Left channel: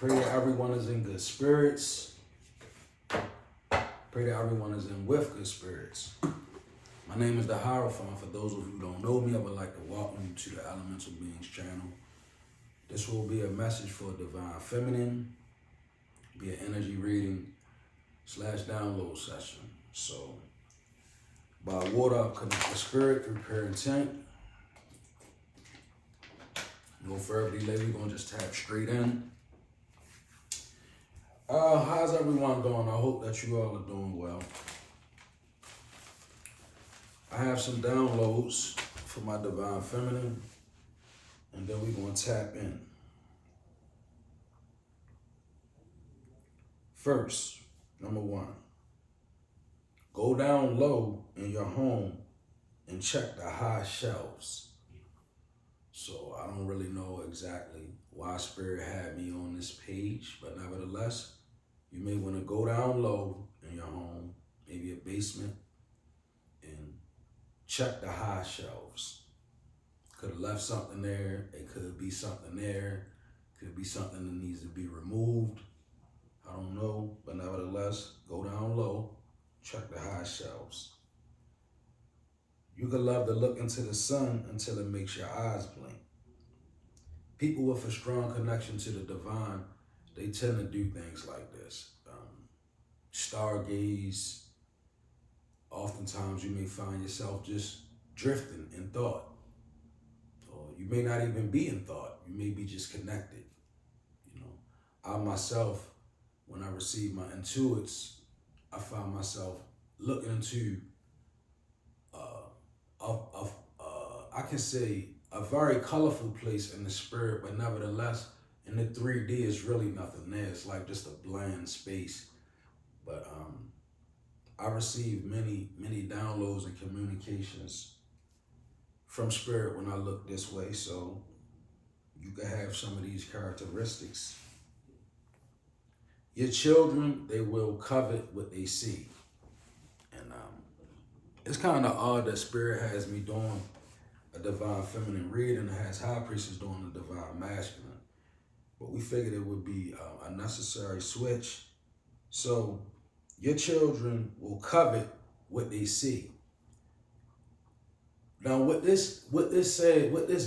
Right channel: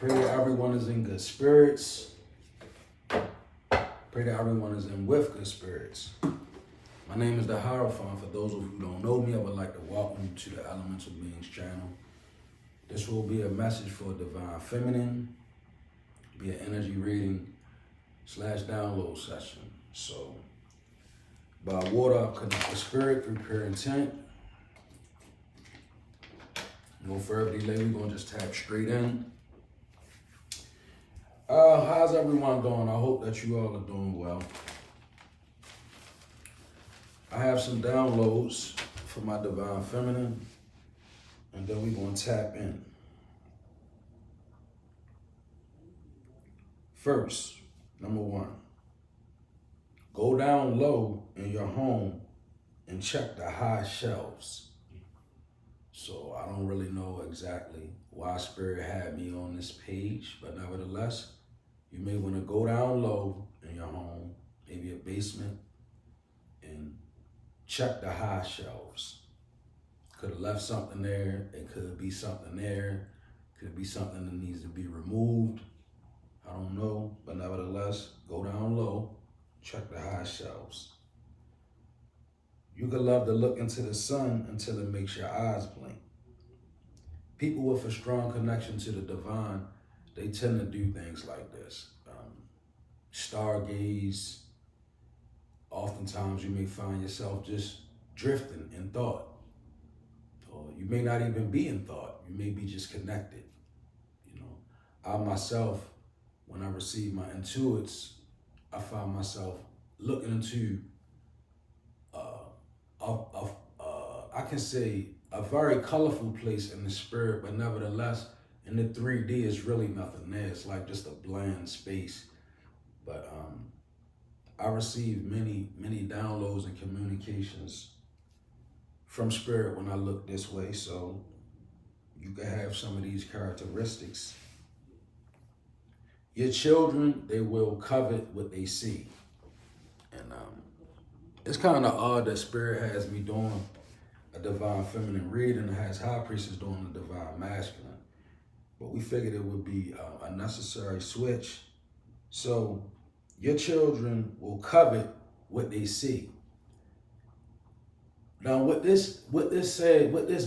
Pray that everyone is in good spirits. Pray that everyone is in with good spirits. My name is the Hierophant. For those of you who don't know me, I would like to welcome you to the Elemental Beings channel. This will be a message for Divine Feminine, be an energy reading / download session. So, by water, I'll connect with spirit through pure intent. No further delay, we're going to just tap straight in. How's everyone doing? I hope that you all are doing well. I have some downloads for my Divine Feminine, and then we're going to tap in. First, number one, go down low in your home and check the high shelves. So I don't really know exactly why Spirit had me on this page, but nevertheless, you may want to go down low in your home, maybe a basement, and check the high shelves. Could have left something there. It could be something there. Could be something that needs to be removed. I don't know, but nevertheless, go down low, check the high shelves. You could love to look into the sun until it makes your eyes blink. People with a strong connection to the divine, they tend to do things like this. Stargaze. Oftentimes you may find yourself just drifting in thought. Or you may not even be in thought. You may be just connected. You know, I myself, when I receive my intuits, I find myself looking into I can say a very colorful place in the spirit, but nevertheless, in the 3D, it's really nothing there. It's like just a bland space. But I received many downloads and communications from spirit when I look this way. So you can have some of these characteristics. Your children, they will covet what they see. And it's kind of odd that Spirit has me doing a Divine Feminine reading and has High Priestess doing a Divine Masculine. But we figured it would be a necessary switch. So your children will covet what they see. Now what this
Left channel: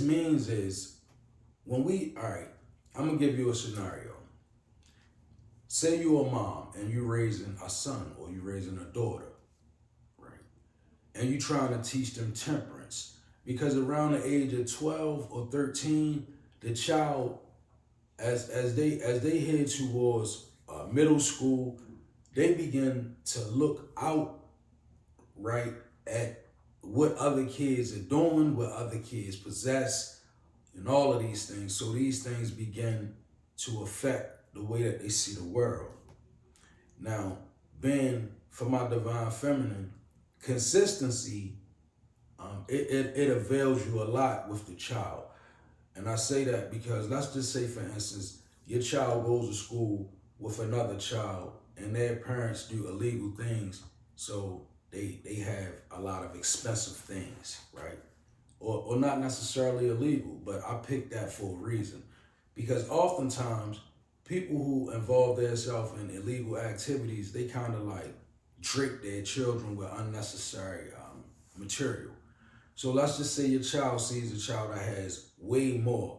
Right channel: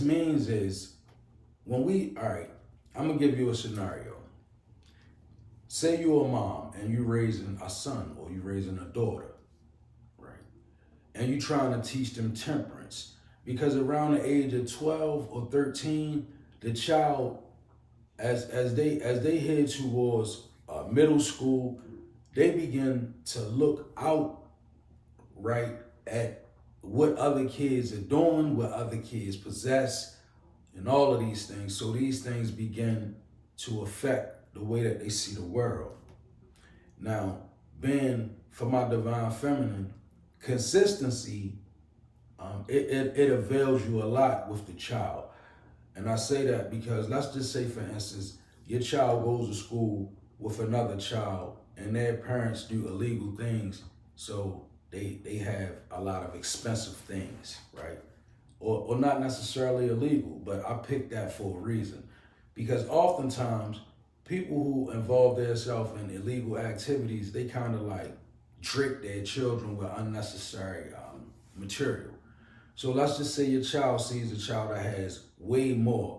means is when I'm gonna give you a scenario. Say you're a mom and you're raising a son or you're raising a daughter, right? And you're trying to teach them temperance. Because around the age of 12 or 13, the child, as they head towards middle school, they begin to look out, right, at what other kids are doing, what other kids possess, and all of these things. So these things begin to affect the way that they see the world. Now, being for my Divine Feminine, consistency, it avails you a lot with the child. And I say that because let's just say, for instance, your child goes to school with another child and their parents do illegal things. So they have a lot of expensive things, right? Or not necessarily illegal, but I picked that for a reason. Because oftentimes, people who involve themselves in illegal activities, they kind of like trick their children with unnecessary material. So let's just say your child sees a child that has way more,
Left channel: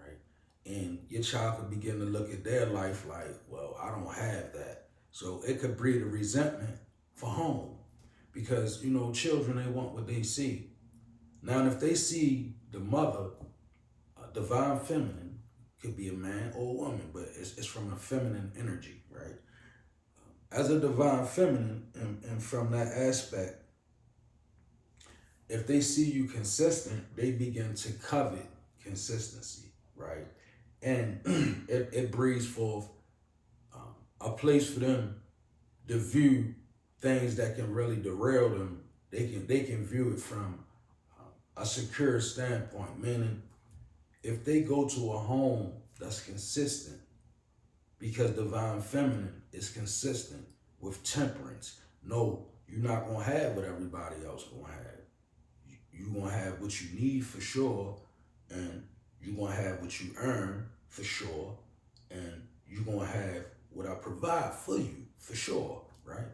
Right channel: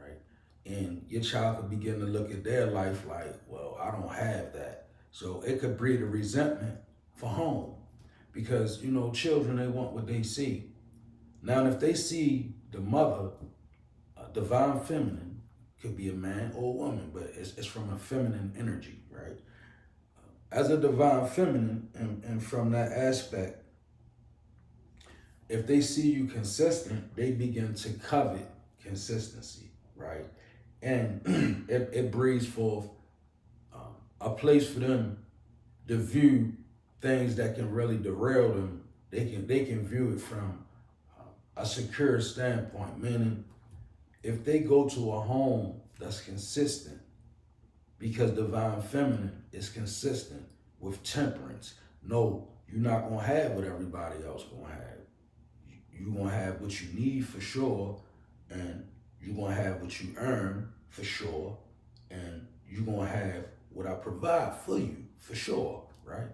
right? And your child could begin to look at their life like, well, I don't have that. So it could breed a resentment for home because, you know, children, they want what they see. Now, if they see the mother, Divine Feminine, could be a man or a woman, but it's from a feminine energy, right? As a Divine Feminine, and from that aspect, if they see you consistent, they begin to covet consistency, right? And it breeds forth a place for them to view things that can really derail them. They can view it from a secure standpoint, meaning if they go to a home that's consistent, because Divine Feminine is consistent with temperance. No, you're not gonna have what everybody else gonna have. You're gonna have what you need for sure, and you're gonna have what you earn for sure, and you're gonna have what I provide for you, for sure, right?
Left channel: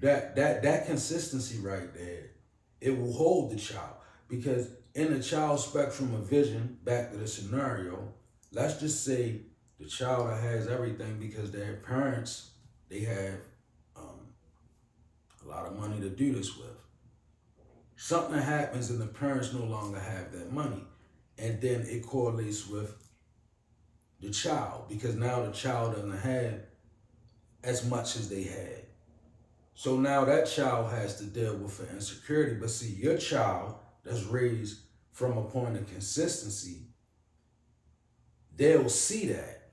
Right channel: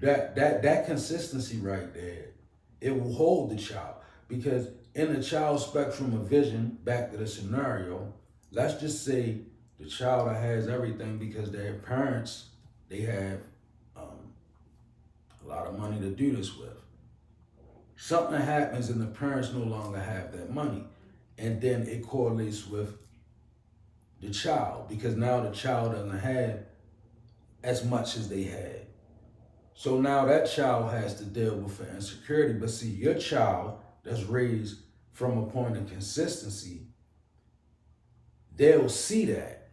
That consistency right there, it will hold the child. Because in the child's spectrum of vision, back to the scenario, let's just say the child that has everything because their parents, they have a lot of money to do this with. Something happens and the parents no longer have that money. And then it correlates with the child because now the child doesn't have as much as they had. So now that child has to deal with the insecurity. But see, your child that's raised from a point of consistency, they'll see that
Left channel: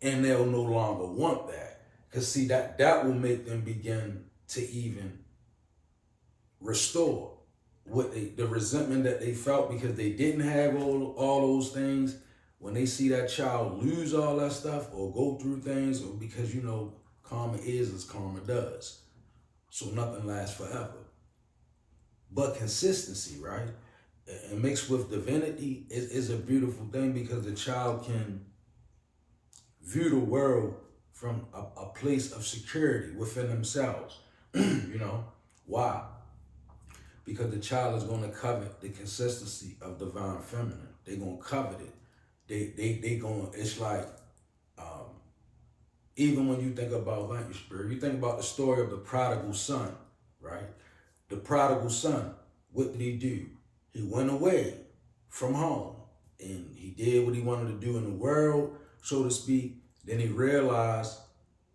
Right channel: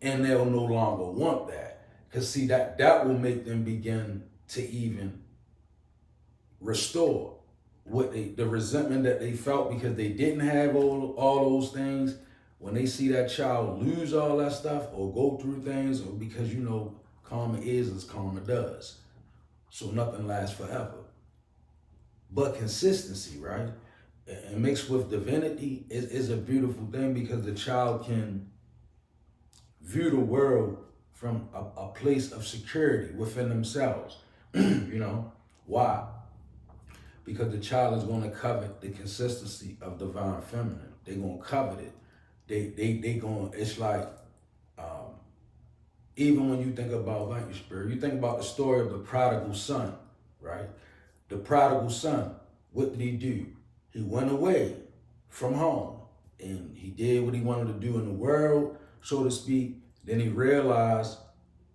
and they'll no longer want that. Because see, that will make them begin to even restore the resentment that they felt because they didn't have all those things. When they see that child lose all that stuff or go through things, or because karma is as karma does. So nothing lasts forever. But consistency, right? And mixed with divinity is a beautiful thing because the child can view the world from a place of security within themselves. Why? Because the child is going to covet the consistency of divine feminine. They're going to covet it. They going, it's like, even when you think about, thank you, Spirit, you think about the story of the prodigal son, right? The prodigal son, what did he do? He went away from home and he did what he wanted to do in the world, so to speak. Then he realized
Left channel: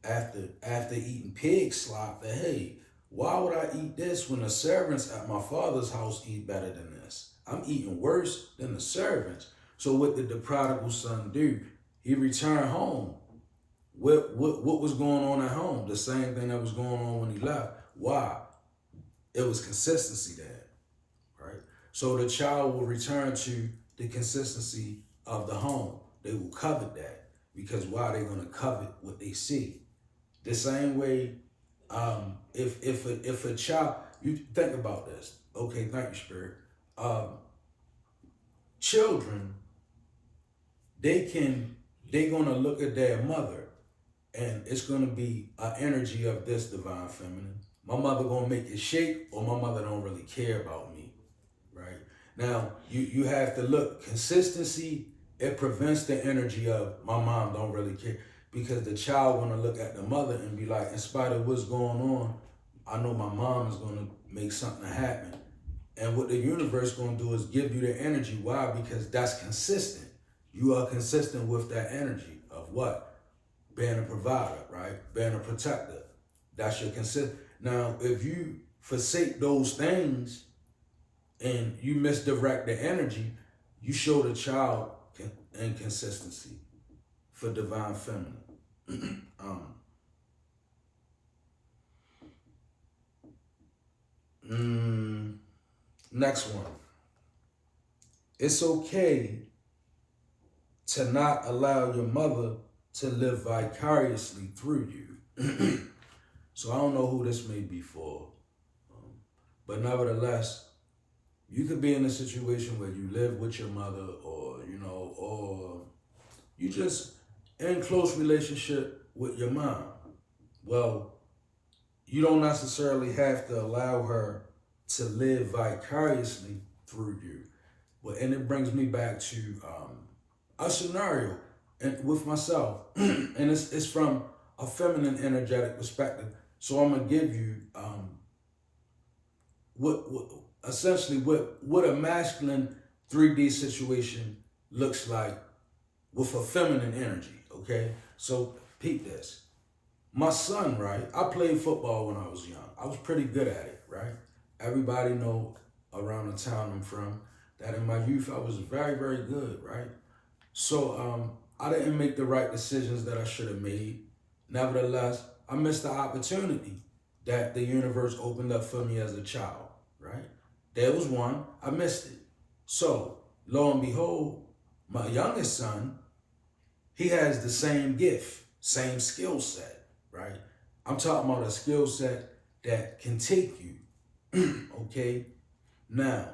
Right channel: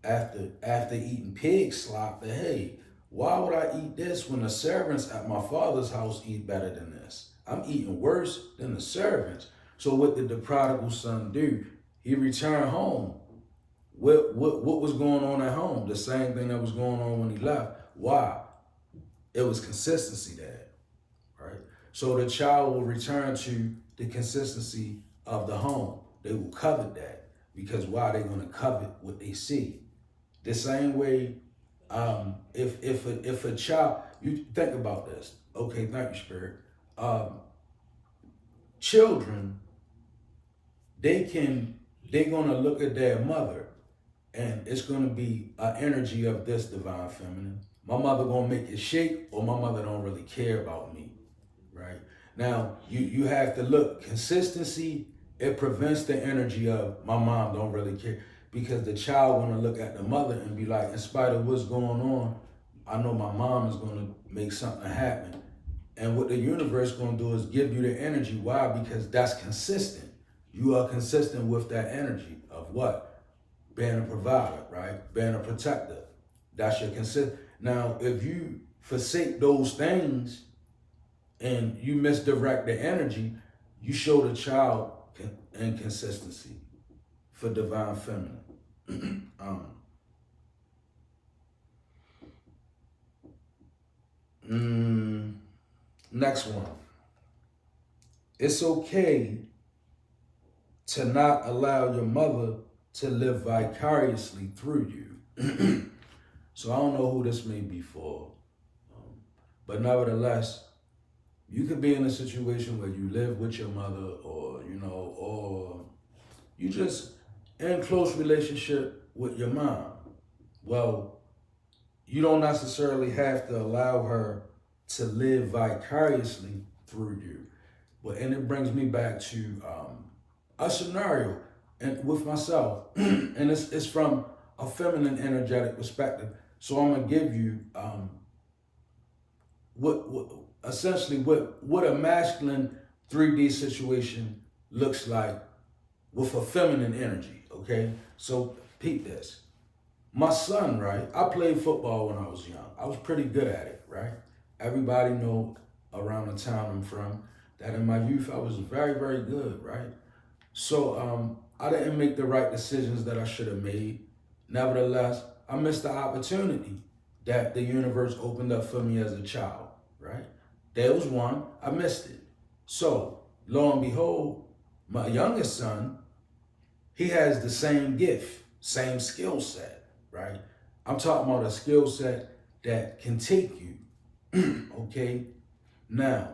after eating pig slop that, hey, why would I eat this when the servants at my father's house eat better than this? I'm eating worse than the servants. So what did the prodigal son do? He returned home. What was going on at home? The same thing that was going on when he left. Why? It was consistency there, right? So the child will return to the consistency of the home. They will covet that because why? They're going to covet what they see. The same way, if a child, you think about this. Okay, thank you, Spirit. Children, they're gonna look at their mother, and it's gonna be an energy of this divine feminine. My mother gonna make it shake, or my mother don't really care about me, right? Now, you have to look, consistency, it prevents the energy of my mom don't really care. Because the child gonna look at the mother and be like, in spite of what's going on, I know my mom is gonna make something happen. And what the universe gonna do is give you the energy. Why? Because that's consistent. You are consistent with that energy of what? Being a provider, right? Being a protector. That's your consistent. Now, if you forsake those things and you misdirect the energy, you show the child inconsistency for divine feminine. Next one. It's okay to not allow your mother to live vicariously through you. So I don't know who this may be for, but nevertheless, you could be in a situation where you live with your mother, or you just in close relationship with your mom. Well, you don't necessarily have to allow her to live vicariously through you. And it brings me back to a scenario with myself, and it's from a feminine energetic perspective. So I'm gonna give you essentially what a masculine 3D situation looks like with a feminine energy. Okay, so peep this. My son, right? I played football when I was young. I was pretty good at it, right? Everybody know around the town I'm from that in my youth I was very, very good, right? So I didn't make the right decisions that I should have made. Nevertheless, I missed the opportunity that the universe opened up for me as a child, right? There was one, I missed it. So lo and behold, my youngest son, he has the same gift, same skill set, right? I'm talking about a skill set that can take you, okay? Now,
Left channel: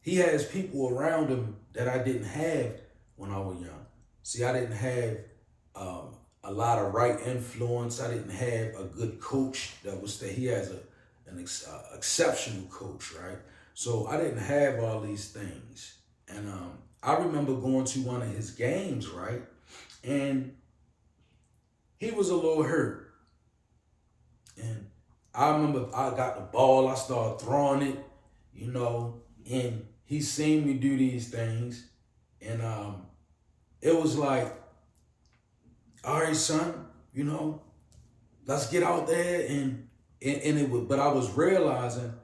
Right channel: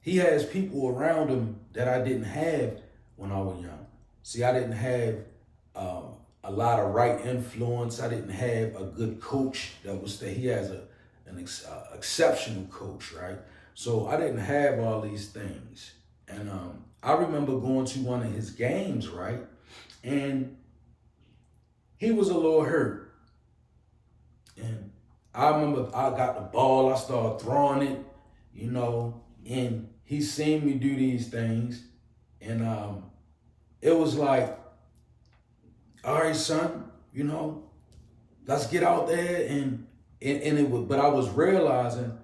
he has people around him that I didn't have when I was young. See, I didn't have um, a lot of right influence. I didn't have a good coach that was there. He has an exceptional coach, right? So I didn't have all these things. And I remember going to one of his games, right? And he was a little hurt. And I remember I got the ball, I started throwing it, you know, and he seen me do these things. And it was like, all right, son, you know, let's get out there and it was, but I was realizing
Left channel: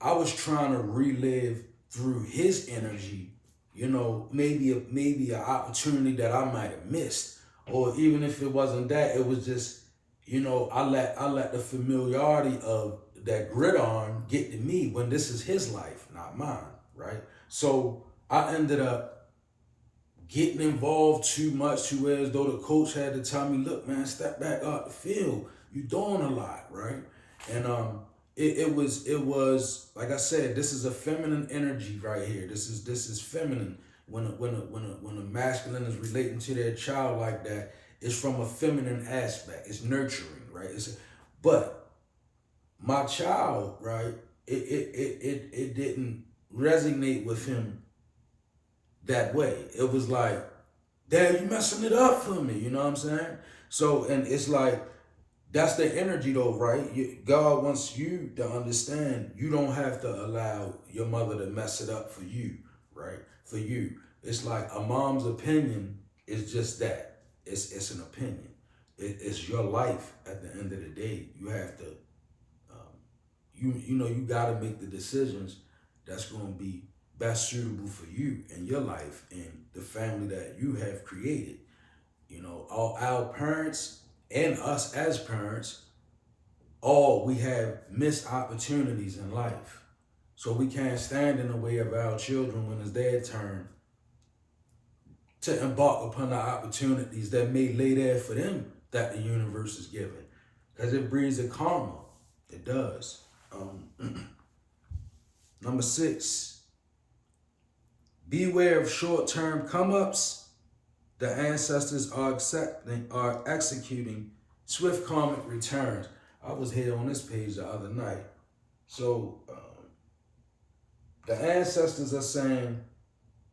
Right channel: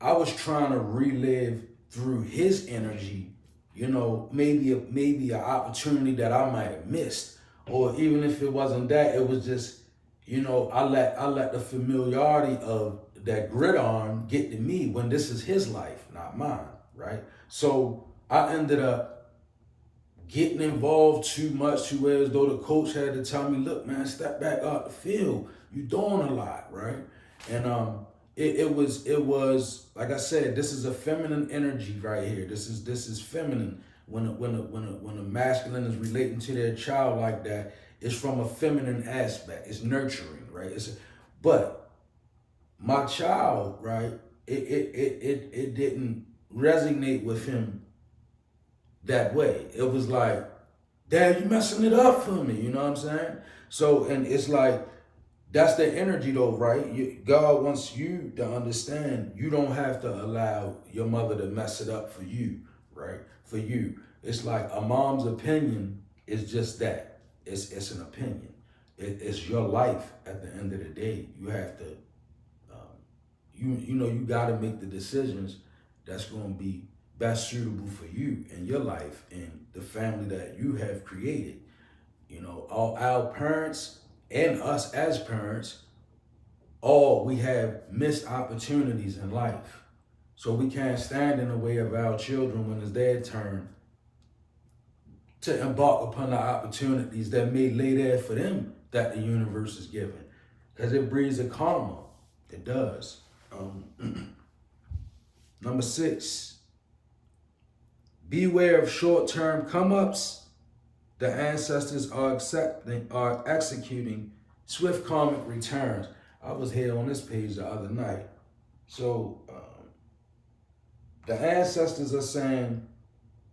I was trying to relive through his energy, you know, maybe an opportunity that I might have missed. Or even if it wasn't that, it was just, you know, I let the familiarity of that gridiron get to me when this is his life, not mine, right? So I ended up getting involved too much to where as though the coach had to tell me, look, man, step back out the field. You're doing a lot, right? And it was like I said, this is a feminine energy right here. This is feminine. When a masculine is relating to their child like that, it's from a feminine aspect. It's nurturing, right? But my child, right? It didn't resonate with him that way. It was like, Dad, you messing it up for me. You know what I'm saying? So, and it's like, that's the energy though, right? God wants you to understand you don't have to allow your mother to mess it up for you, right? For you. It's like a mom's opinion is just that. It's an opinion. It's your life at the end of the day. You have to, you know, you got to make the decisions that's going to be best suitable for you and your life and the family that you have created. You know, all our parents and us as parents, all we have missed opportunities in life. So we can't stand in the way of our children when it's their turn to embark upon the opportunities that may lay there for them that the universe is giving. Because it breeds a karma. It does. Number 6, beware of short-term come-ups. The ancestors are executing swift karmic returns. I was here on this page the other night. So the ancestors are saying,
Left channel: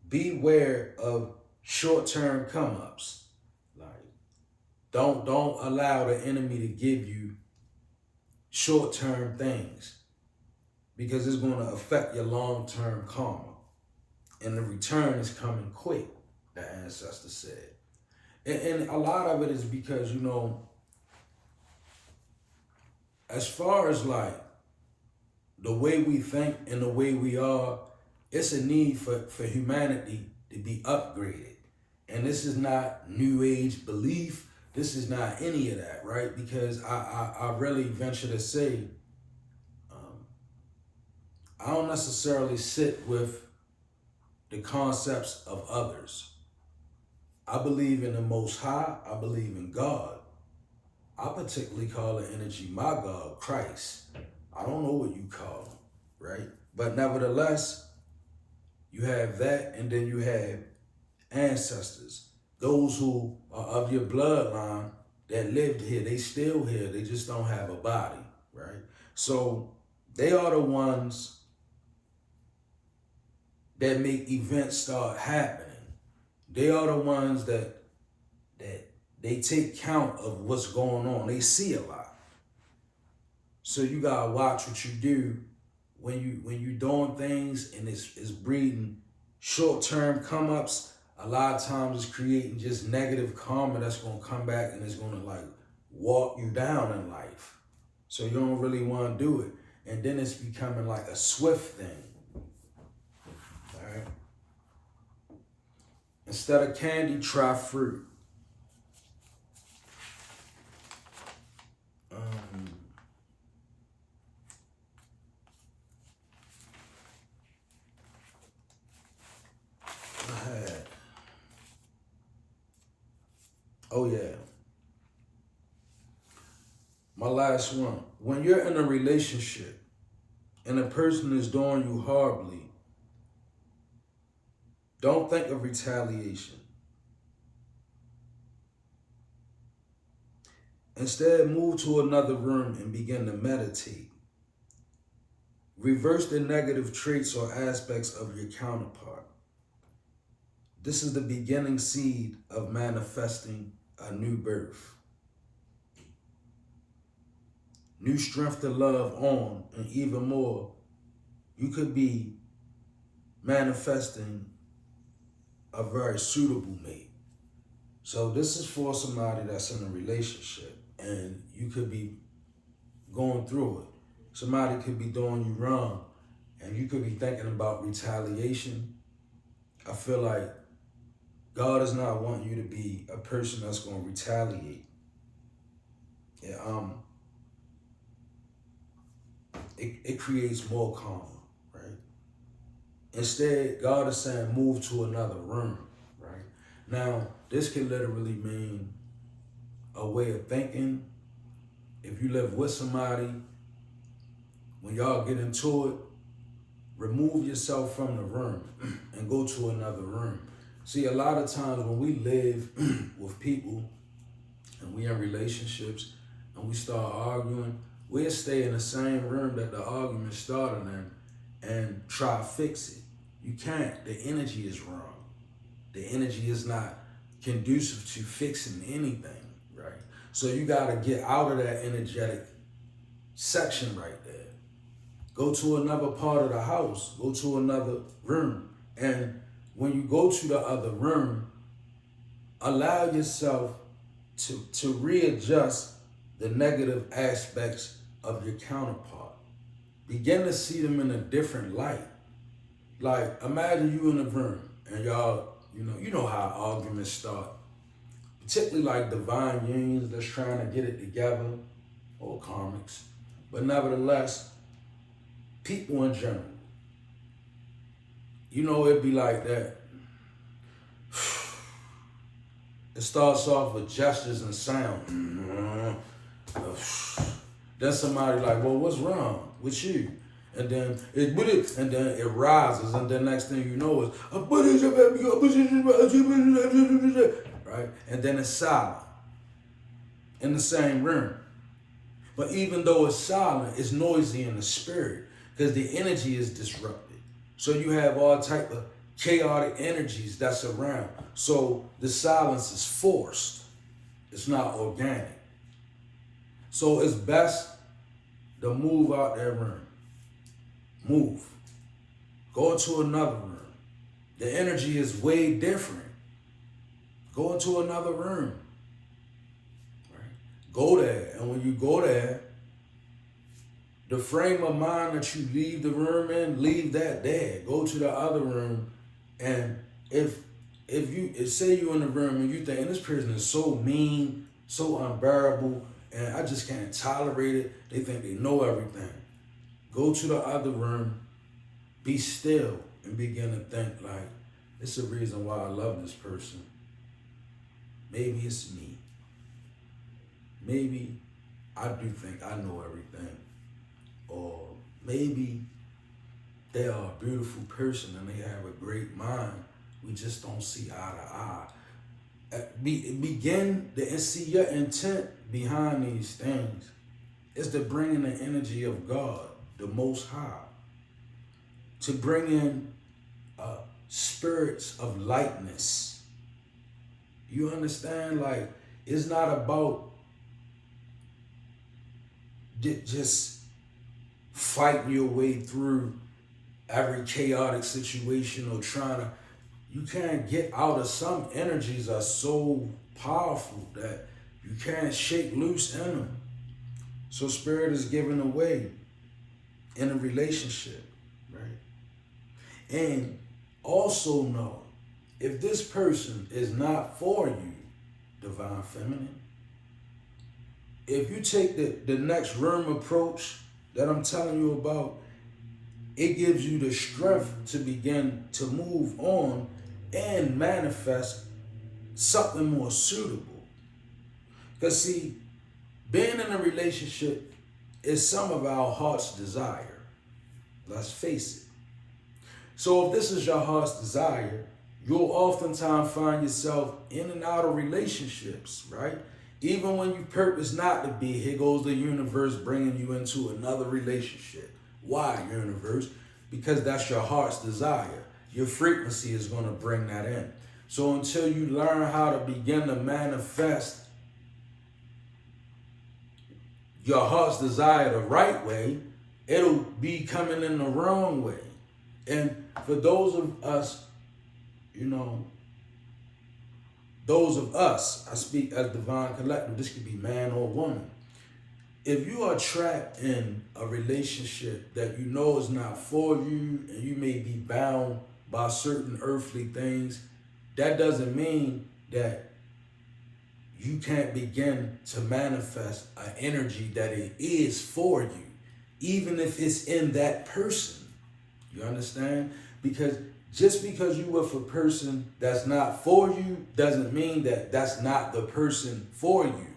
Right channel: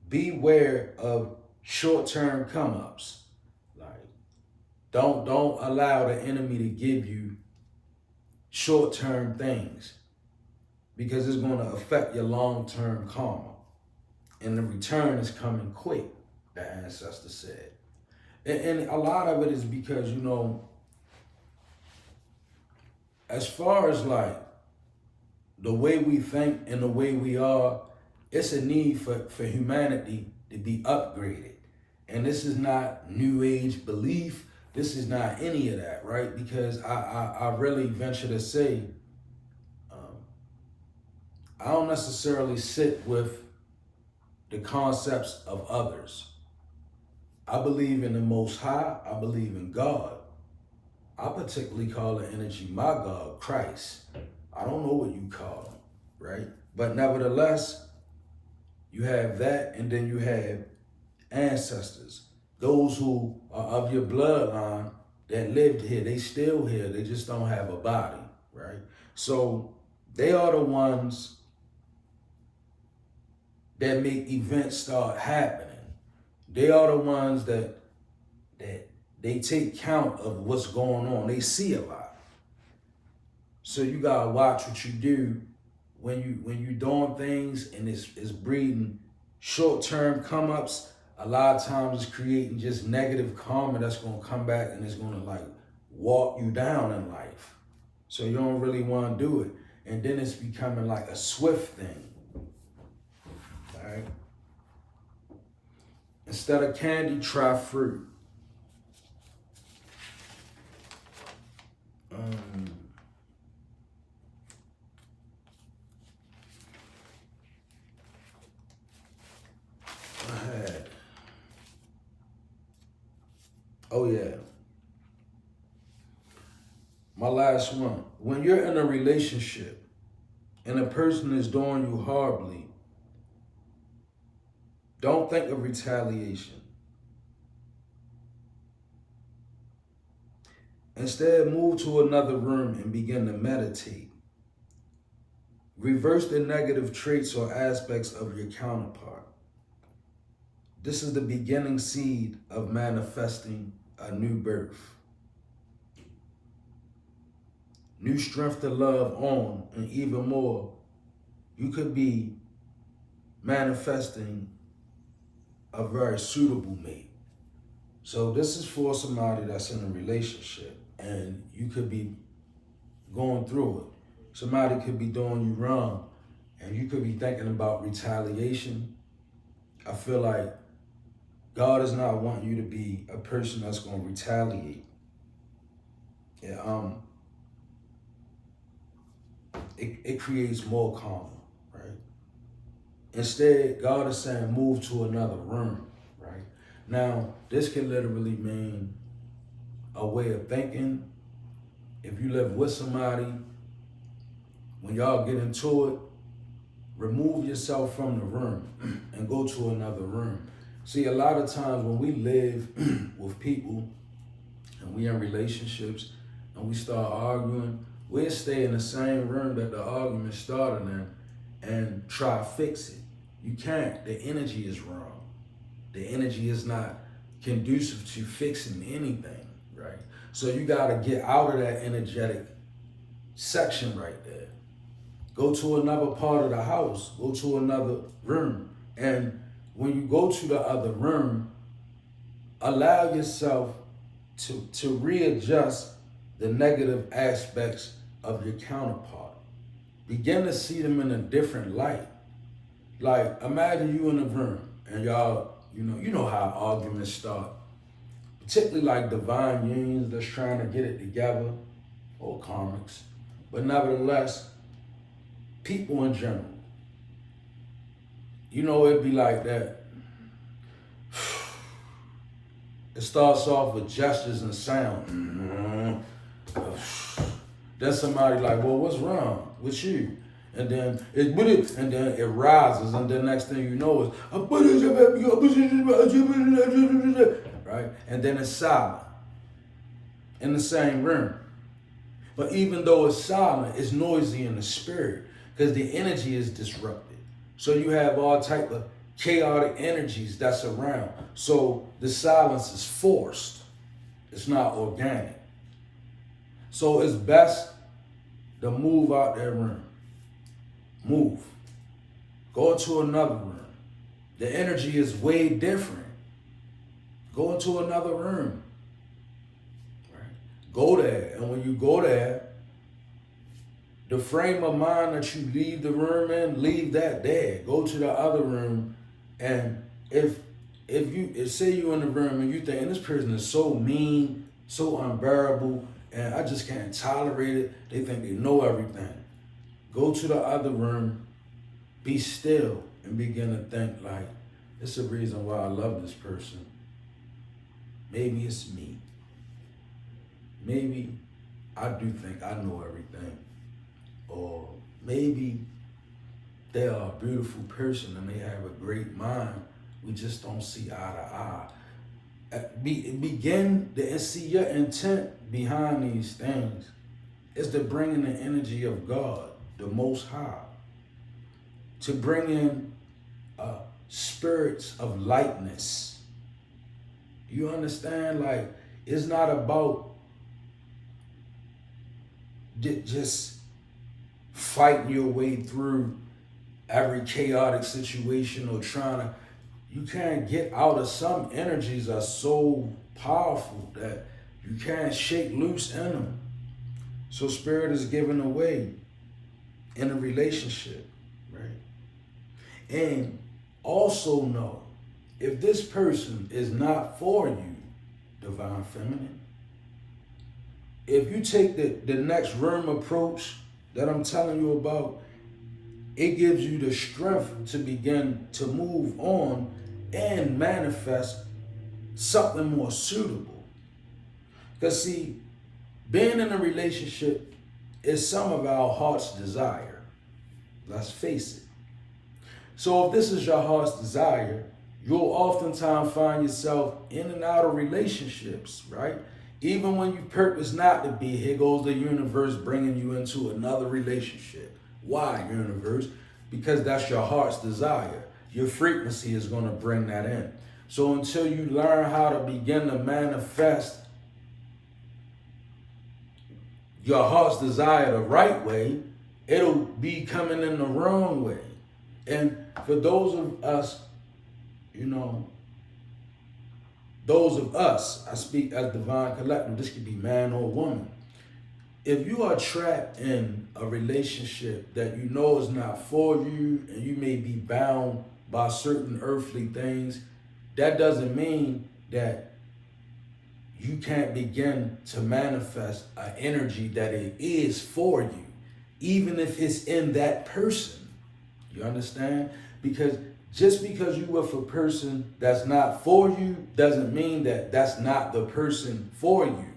beware of short-term come-ups. Like, don't allow the enemy to give you short-term things because it's going to affect your long-term karma. And the return is coming quick, the ancestor said. And a lot of it is because, you know, as far as like the way we think and the way we are, it's a need for humanity to be upgraded. And this is not new age belief. This is not any of that, right? Because I really venture to say, I don't necessarily sit with the concepts of others. I believe in the Most High. I believe in God. I particularly call the energy my God, Christ. I don't know what you call him, right? But nevertheless, you have that, and then you have ancestors, those who are of your bloodline that lived here. They still here. They just don't have a body, right? So they are the ones that make events start happening. They are the ones that they take count of what's going on. They see a lot. So you gotta watch what you do when you doing things and it's breeding short-term come-ups. A lot of times it's creating just negative karma that's gonna come back and it's gonna like walk you down in life. So you don't really wanna do it. And then it's becoming like a swift thing. All right. Instead of candy, try fruit. Oh yeah. My last one. When you're in a relationship and a person is doing you horribly, don't think of retaliation. Instead, move to another room and begin to meditate. Reverse the negative traits or aspects of your counterpart. This is the beginning seed of manifesting a new birth. New strength to love on, and even more, you could be manifesting a very suitable mate. So this is for somebody that's in a relationship and you could be going through it. Somebody could be doing you wrong and you could be thinking about retaliation. I feel like God is not wanting you to be a person that's going to retaliate. It creates more karma, right? Instead, God is saying move to another room, right? Now, this can literally mean a way of thinking. If you live with somebody, when y'all get into it, remove yourself from the room and go to another room. See, a lot of times when we live with people and we in relationships and we start arguing, we'll stay in the same room that the argument started in and try to fix it. You can't. The energy is wrong. The energy is not conducive to fixing anything, right? So you got to get out of that energetic section right there. Go to another part of the house. Go to another room. And when you go to the other room, allow yourself to readjust the negative aspects of your counterpart. Begin to see them in a different light. Like, imagine you in a room and y'all, you know how arguments start. Particularly like divine unions that's trying to get it together, or karmics. But nevertheless, people in general. It'd be like that. It starts off with gestures and sound. Then somebody like, well, what's wrong with you? And then it rises, and then next thing you know is right? And then it's silent in the same room. But even though it's silent, it's noisy in the spirit because the energy is disrupted. So you have all type of chaotic energies that's around. So the silence is forced. It's not organic. So it's best to move out that room. Move. Go into another room. The energy is way different. Go into another room. Right? Go there. And when you go there, the frame of mind that you leave the room in, leave that there. Go to the other room. And if say you're in the room and you think, this person is so mean, so unbearable, and I just can't tolerate it. They think they know everything. Go to the other room, be still, and begin to think like, it's the reason why I love this person. Maybe it's me. Maybe I do think I know everything. Or maybe they are a beautiful person and they have a great mind. We just don't see eye to eye. Begin to see your intent behind these things is to bring in the energy of God, the Most High, to bring in spirits of lightness. You understand? Like, it's not about just fighting your way through every chaotic situation or you can't get out of some energies are so powerful that you can't shake loose in them. So spirit is given away in a relationship, right? And also know, if this person is not for you, divine feminine, if you take the next room approach that I'm telling you about, it gives you the strength to begin to move on and manifest something more suitable. Because see, being in a relationship is some of our heart's desire. Let's face it. So if this is your heart's desire, you'll oftentimes find yourself in and out of relationships, right? Even when you purpose not to be, here goes the universe bringing you into another relationship. Why, universe? Because that's your heart's desire. Your frequency is going to bring that in. So until you learn how to begin to manifest your heart's desire the right way, it'll be coming in the wrong way. And for those of us, those of us, I speak as divine collective, this could be man or woman. If you are trapped in a relationship that you know is not for you, and you may be bound by certain earthly things, that doesn't mean that you can't begin to manifest an energy that it is for you, even if it's in that person. You understand? Because just because you with a person that's not for you doesn't mean that that's not the person for you.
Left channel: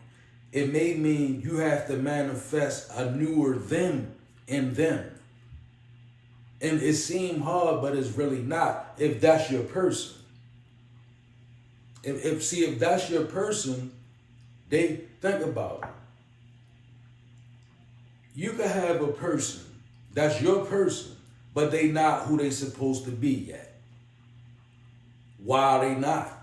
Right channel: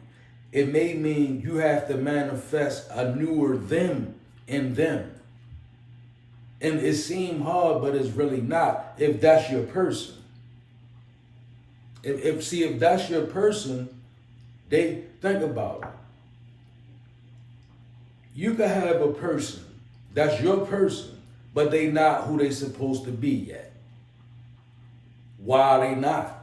It may mean you have to manifest a newer them in them. And it seems hard, but it's really not if that's your person. If that's your person, they think about it. You could have a person that's your person, but they not who they supposed to be yet. Why are they not?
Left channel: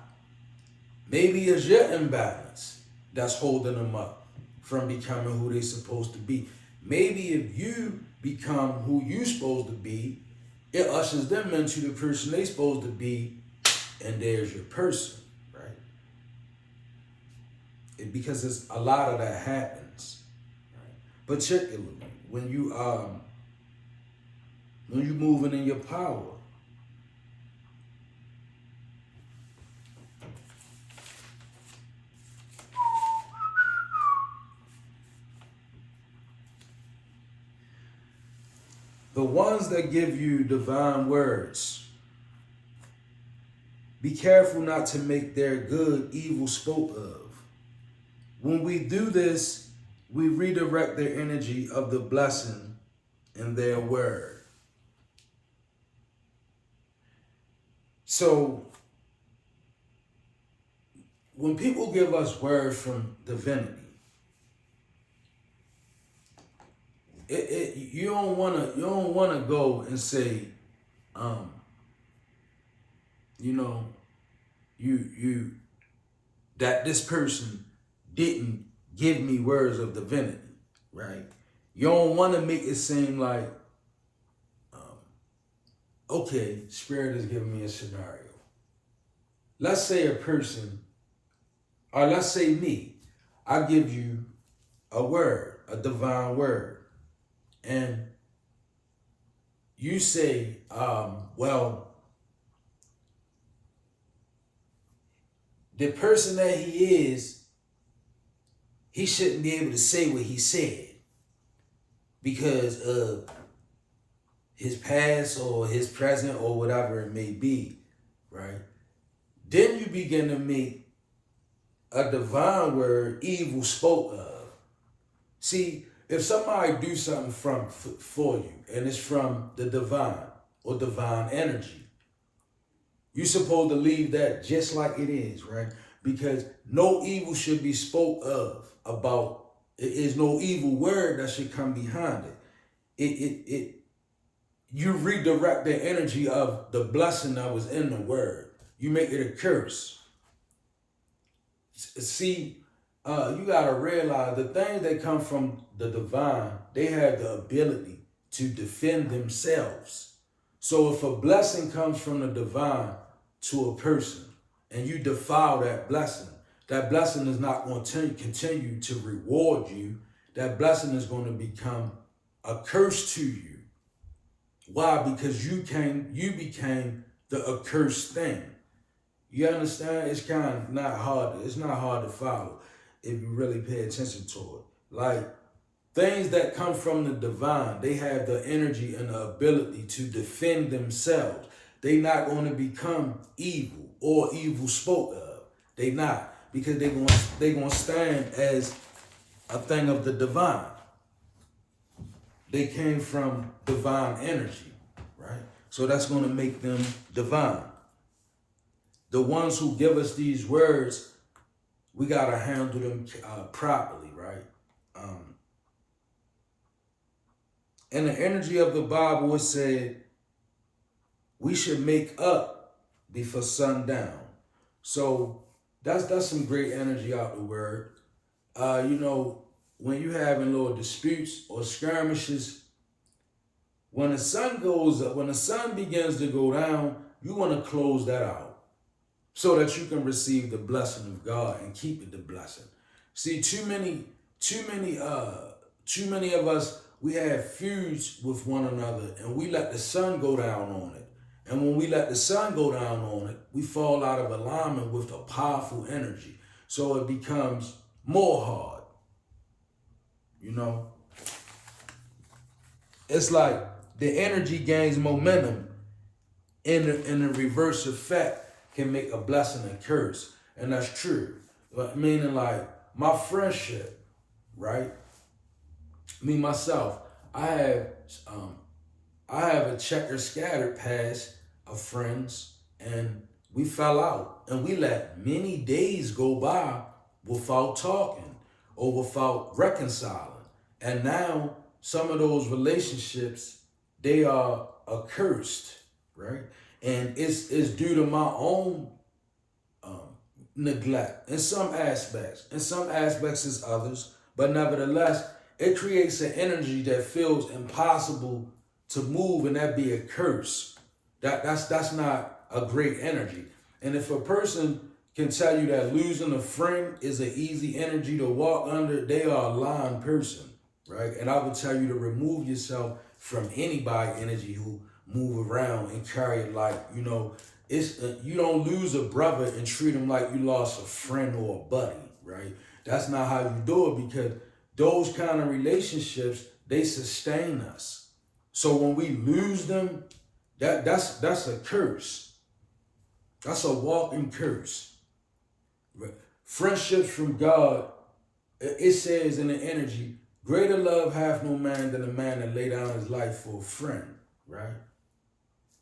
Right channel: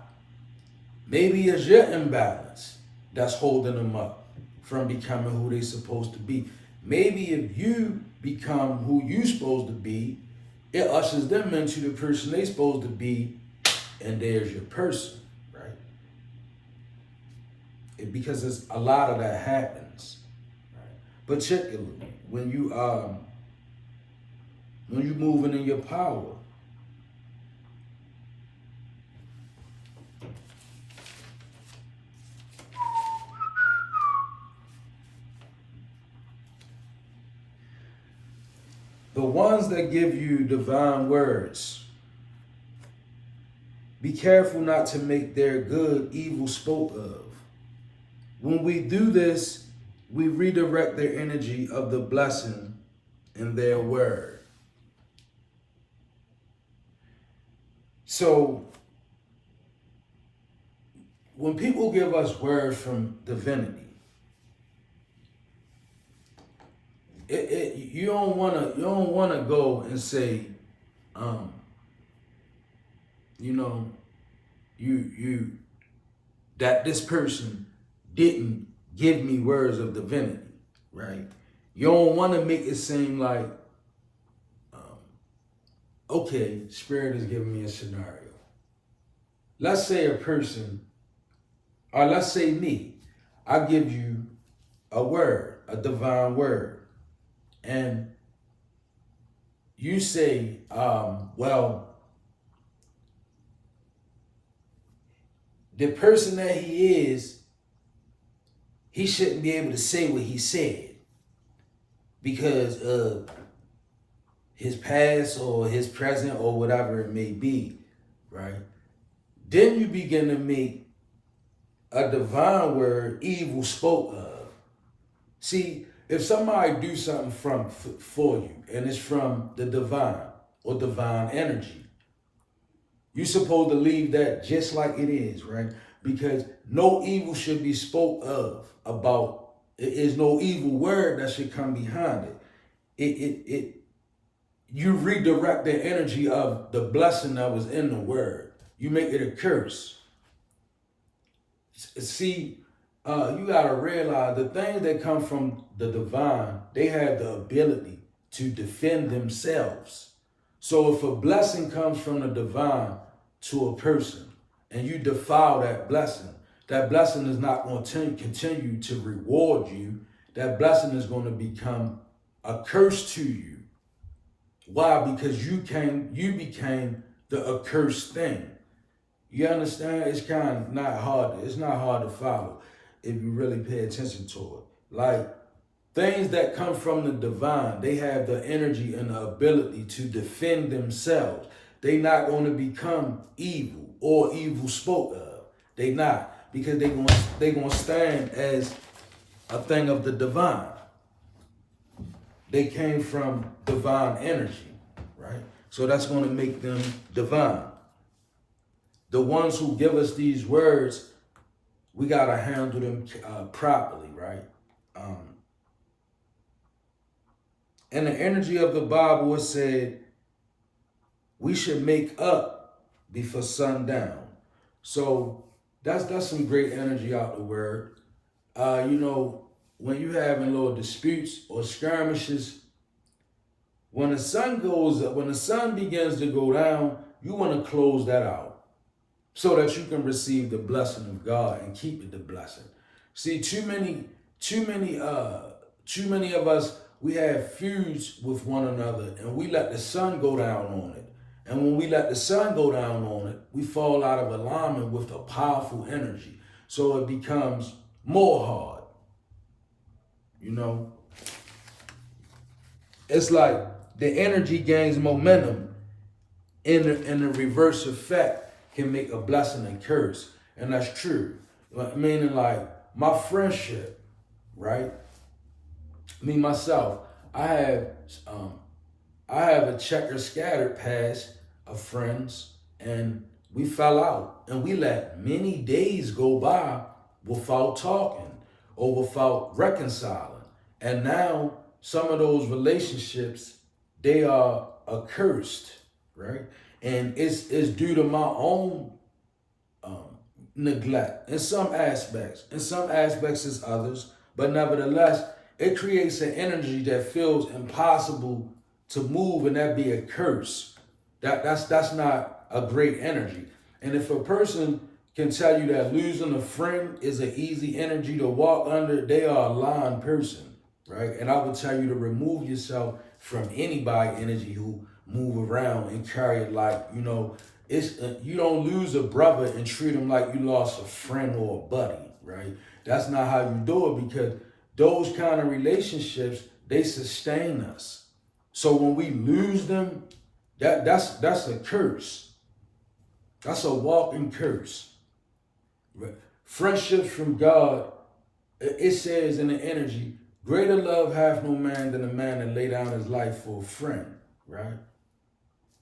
Maybe it's your imbalance that's holding them up from becoming who they supposed to be. Maybe if you become who you supposed to be, it ushers them into the person they supposed to be, and there's your person, right? Because there's a lot of that happens, right? Particularly when you moving in your power. The ones that give you divine words, be careful not to make their good evil spoke of. When we do this, we redirect the energy of the blessing in their word. So, when people give us words from divinity, you don't wanna go and say, that this person didn't give me words of divinity, right? You don't want to make it seem like, okay, Spirit is giving me a scenario. Let's say a person, or let's say me, I give you a word, a divine word. And you say, well, the person that he is, he shouldn't be able to say what he said because of his past or his present or whatever it may be, right? Then you begin to make a divine word evil spoke of. See, if somebody do something for you and it's from the divine or divine energy, you're supposed to leave that just like it is, right? Because no evil should be spoke of about. It is no evil word that should come behind it. You redirect the energy of the blessing that was in the word. You make it a curse. See, you gotta realize the things that come from the divine, they have the ability to defend themselves. So if a blessing comes from the divine to a person and you defile that blessing is not going to continue to reward you. That blessing is going to become a curse to you. Why? Because you became the accursed thing. You understand? It's not hard to follow if you really pay attention to it. Like things that come from the divine, they have the energy and the ability to defend themselves. They not going to become evil or evil spoke of. They not, because they going to stand as a thing of the divine. They came from divine energy, right? So that's going to make them divine. The ones who give us these words, we got to handle them properly, right? Um, in the energy of the Bible, it said we should make up before sundown. So that's some great energy out the word. You know, when you having little disputes or skirmishes, when the sun goes up, when the sun begins to go down, you want to close that out so that you can receive the blessing of God and keep it the blessing. See, too many, too many of us, we have feuds with one another and we let the sun go down on it. And when we let the sun go down on it, we fall out of alignment with a powerful energy. So it becomes more hard, you know? It's like the energy gains momentum in the reverse effect can make a blessing a curse. And that's true. Meaning like my friendship, right? Me myself, I have um I have a checker scattered past of friends and we fell out and we let many days go by without talking or without reconciling. And now some of those relationships, they are accursed, right? And it's due to my own um, neglect in some aspects. In some aspects, is others, but nevertheless, it creates an energy that feels impossible to move, and that be a curse. That's not a great energy. And if a person can tell you that losing a friend is an easy energy to walk under, they are a lying person, right? And I would tell you to remove yourself from anybody energy who move around and carry it like, you know, it's you don't lose a brother and treat him like you lost a friend or a buddy, right? That's not how you do it because those kind of relationships, they sustain us. So when we lose them, that's a curse. That's a walking curse. Right? Friendships from God, it says in the energy, greater love hath no man than a man that lay down his life for a friend, right?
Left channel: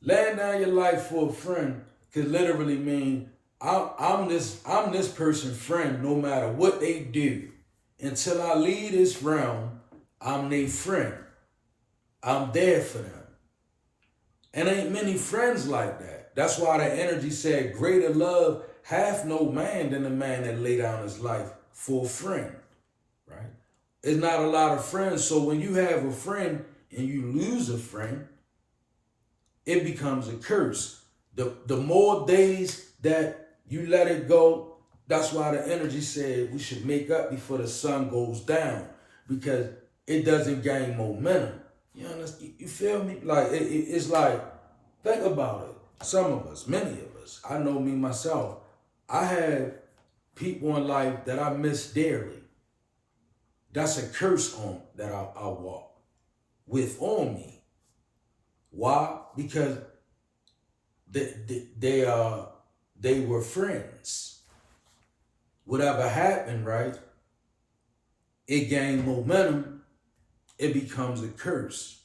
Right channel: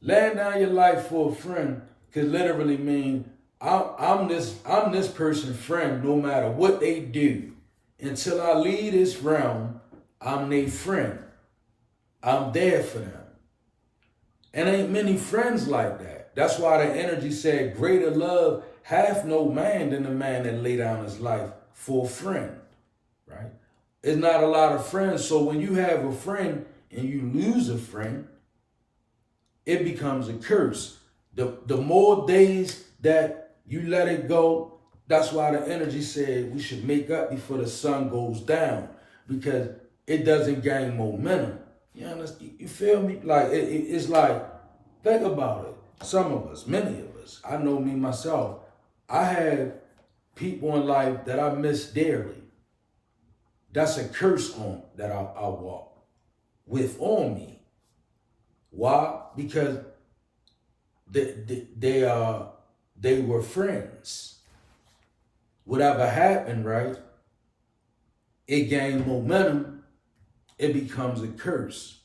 Laying down your life for a friend could literally mean I'm this person's friend no matter what they do. Until I leave this realm, I'm their friend. I'm there for them. And ain't many friends like that. That's why the energy said, greater love hath no man than the man that lay down his life for a friend, right? It's not a lot of friends. So when you have a friend and you lose a friend, it becomes a curse. The more days that you let it go, that's why the energy said we should make up before the sun goes down because it doesn't gain momentum. You understand? You feel me? Like it's like, think about it. Some of us, many of us, I know me myself. I have people in life that I miss dearly. That's a curse on that I walk with on me. Why? Because they were friends. Whatever happened, right? It gained momentum. It becomes a curse.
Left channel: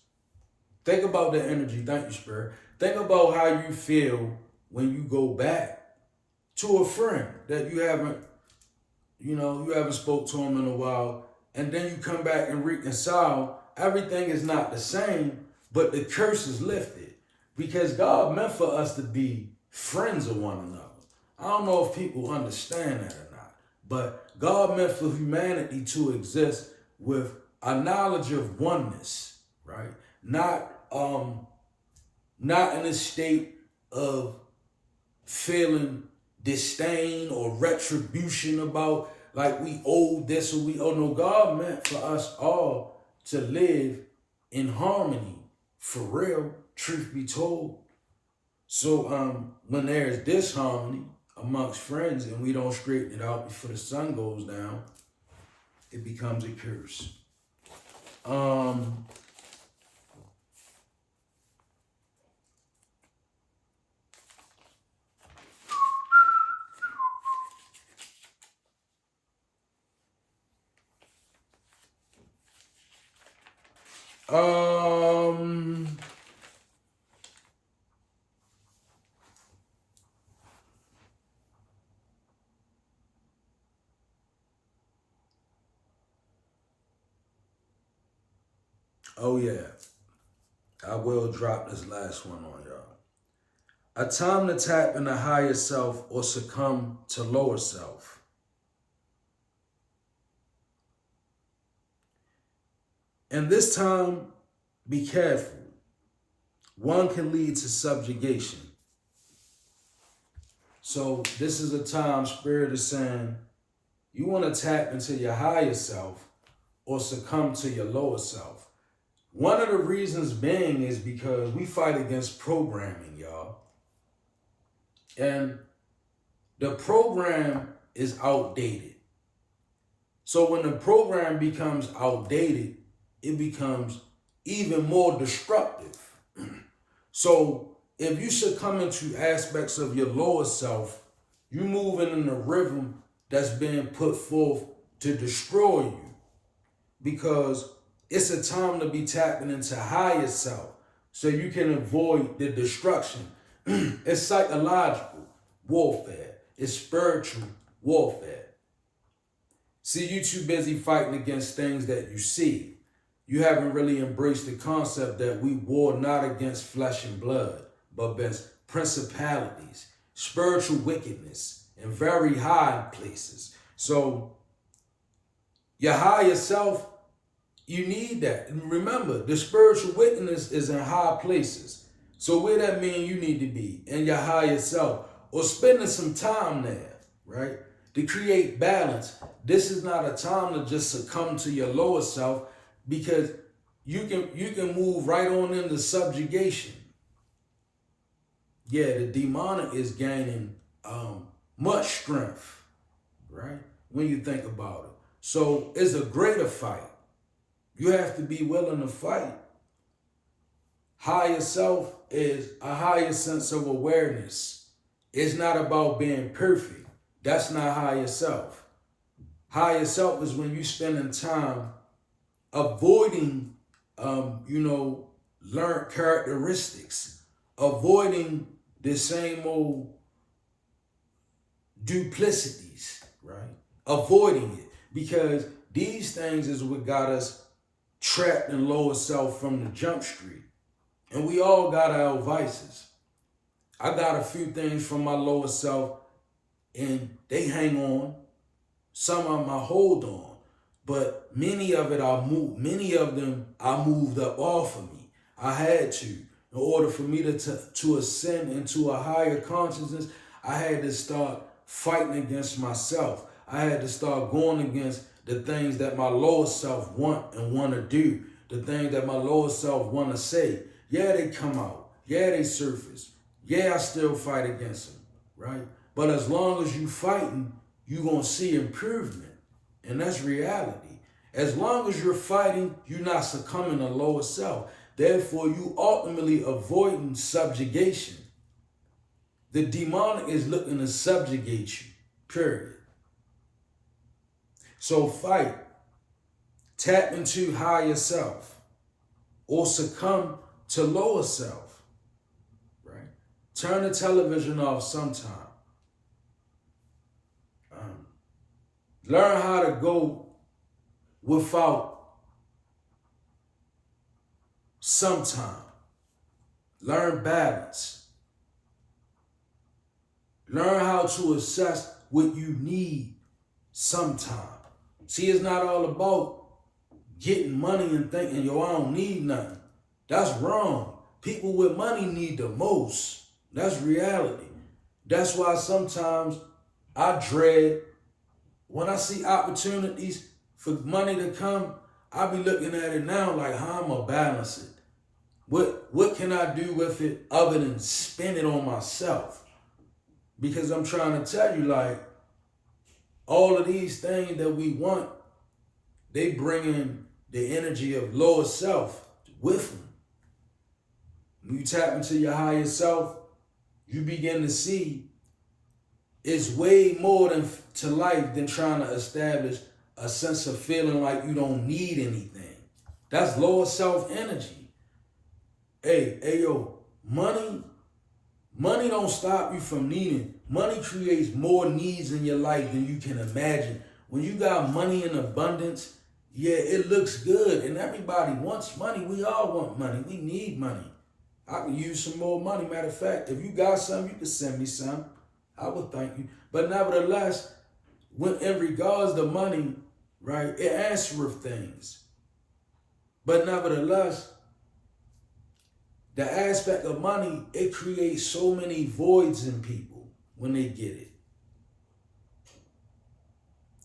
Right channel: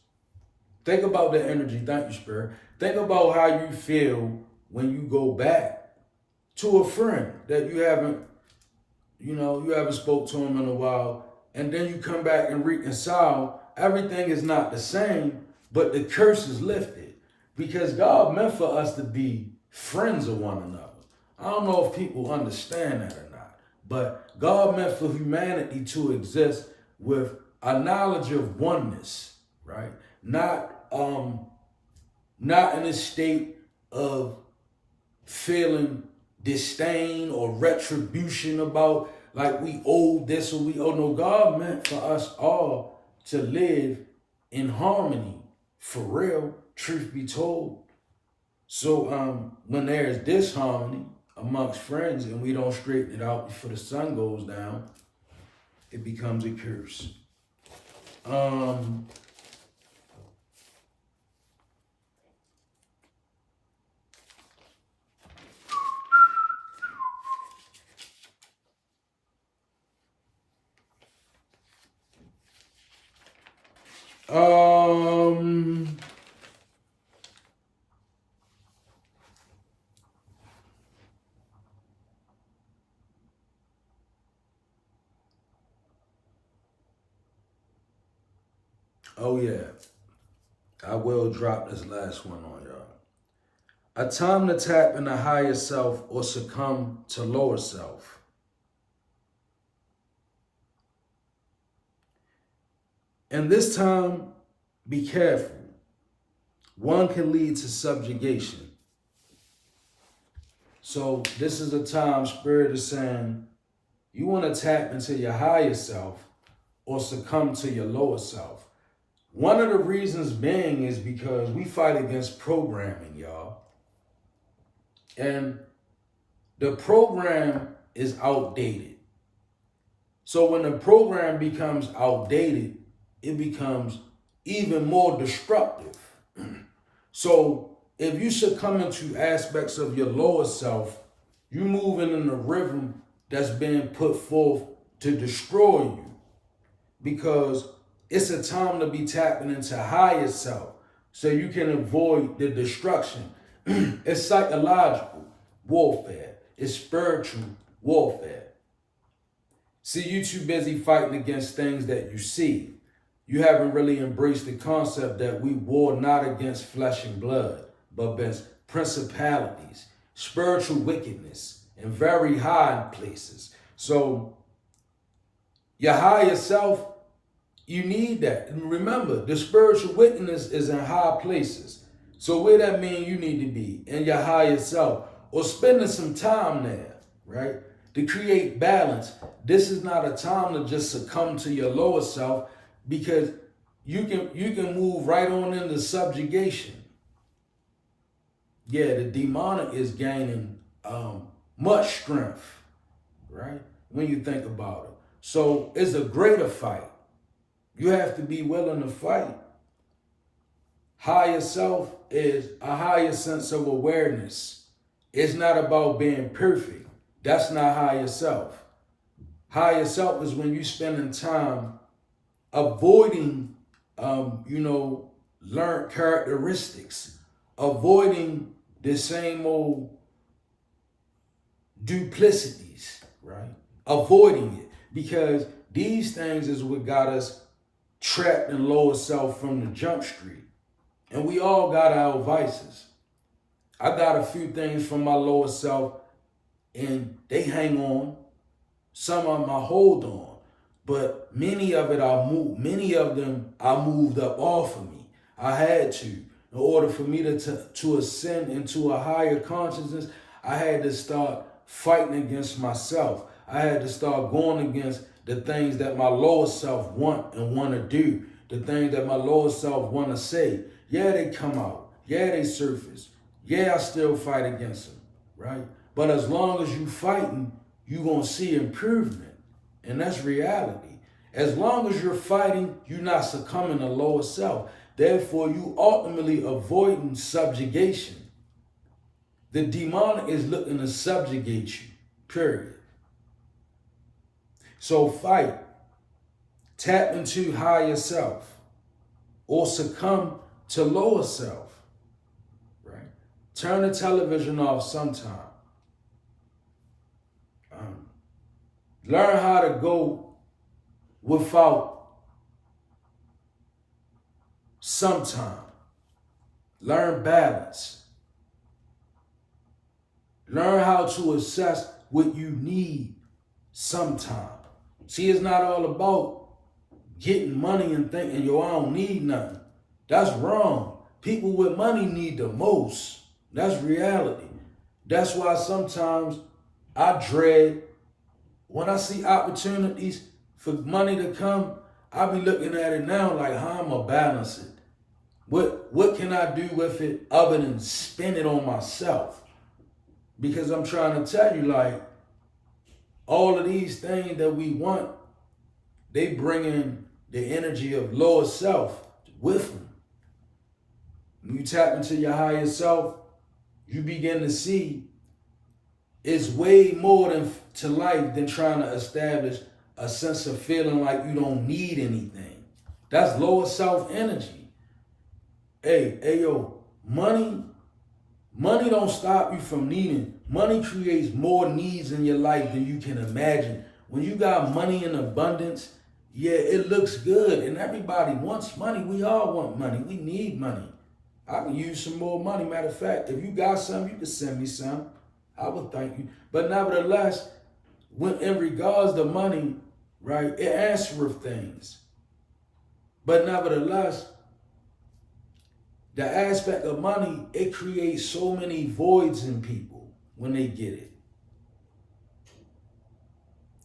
Think about the energy. Thank you, Spirit. Think about how you feel when you go back to a friend that you haven't spoke to him in a while, and then you come back and reconcile. Everything is not the same, but the curse is lifted because God meant for us to be friends of one another. I don't know if people understand that or not, but God meant for humanity to exist with a knowledge of oneness, right? Not in a state of feeling disdain or retribution about like we owe this or we owe. No, God meant for us all to live in harmony, for real, truth be told. So when there's disharmony amongst friends and we don't straighten it out before the sun goes down, it becomes a curse. Um um Oh yeah, I will drop this last one on y'all. A time to tap into higher self or succumb to lower self. And this time, be careful. One can lead to subjugation. So this is a time Spirit is saying you want to tap into your higher self or succumb to your lower self. One of the reasons being is because we fight against programming, y'all. And the program is outdated. So when the program becomes outdated, it becomes even more destructive. So if you succumb into aspects of your lower self, you're moving in a rhythm that's being put forth to destroy you, because it's a time to be tapping into higher self so you can avoid the destruction. It's psychological warfare. It's spiritual warfare. See, you too busy fighting against things that you see. You haven't really embraced the concept that we war not against flesh and blood, but against principalities, spiritual wickedness, and very high places. So your higher self, you need that. And remember, the spiritual wickedness is in high places. So where that mean you need to be? In your higher self, or spending some time there, right? To create balance. This is not a time to just succumb to your lower self, because you can move right on into subjugation. Yeah, the demonic is gaining much strength, right? When you think about it. So it's a greater fight. You have to be willing to fight. Higher self is a higher sense of awareness. It's not about being perfect. That's not higher self. Higher self is when you spending time avoiding, learned characteristics, avoiding the same old duplicities, right? Avoiding it, because these things is what got us trapped in lower self from the jump street. And we all got our vices. I got a few things from my lower self and they hang on. Some of them I hold on. But many of them I moved up off of me. I had to. In order for me to ascend into a higher consciousness, I had to start fighting against myself. I had to start going against the things that my lower self want to do, the things that my lower self want to say. Yeah, they come out. Yeah, they surface. Yeah, I still fight against them, right? But as long as you fighting, you're going to see improvement. And that's reality. As long as you're fighting, you're not succumbing to lower self. Therefore, you ultimately avoiding subjugation. The demonic is looking to subjugate you, period. So fight. Tap into higher self or succumb to lower self, right? Turn the television off sometime. Learn how to go without sometime. Learn balance. Learn how to assess what you need sometime. See, it's not all about getting money and thinking, yo, I don't need nothing. That's wrong. People with money need the most. That's reality. That's why sometimes I dread when I see opportunities for money to come. I be looking at it now like, how I'm gonna balance it? What can I do with it other than spend it on myself? Because I'm trying to tell you, like, all of these things that we want, they bring in the energy of lower self with them. When you tap into your higher self, you begin to see it's way more to life than trying to establish a sense of feeling like you don't need anything. That's lower self energy. Hey, yo, money don't stop you from needing. Money creates more needs in your life than you can imagine. When you got money in abundance, yeah, it looks good, and everybody wants money. We all want money. We need money. I can use some more money. Matter of fact, if you got some, you can send me some. I would thank you. But nevertheless, when in regards to money, right, it answereth things. But nevertheless, the aspect of money, it creates so many voids in people when they get it.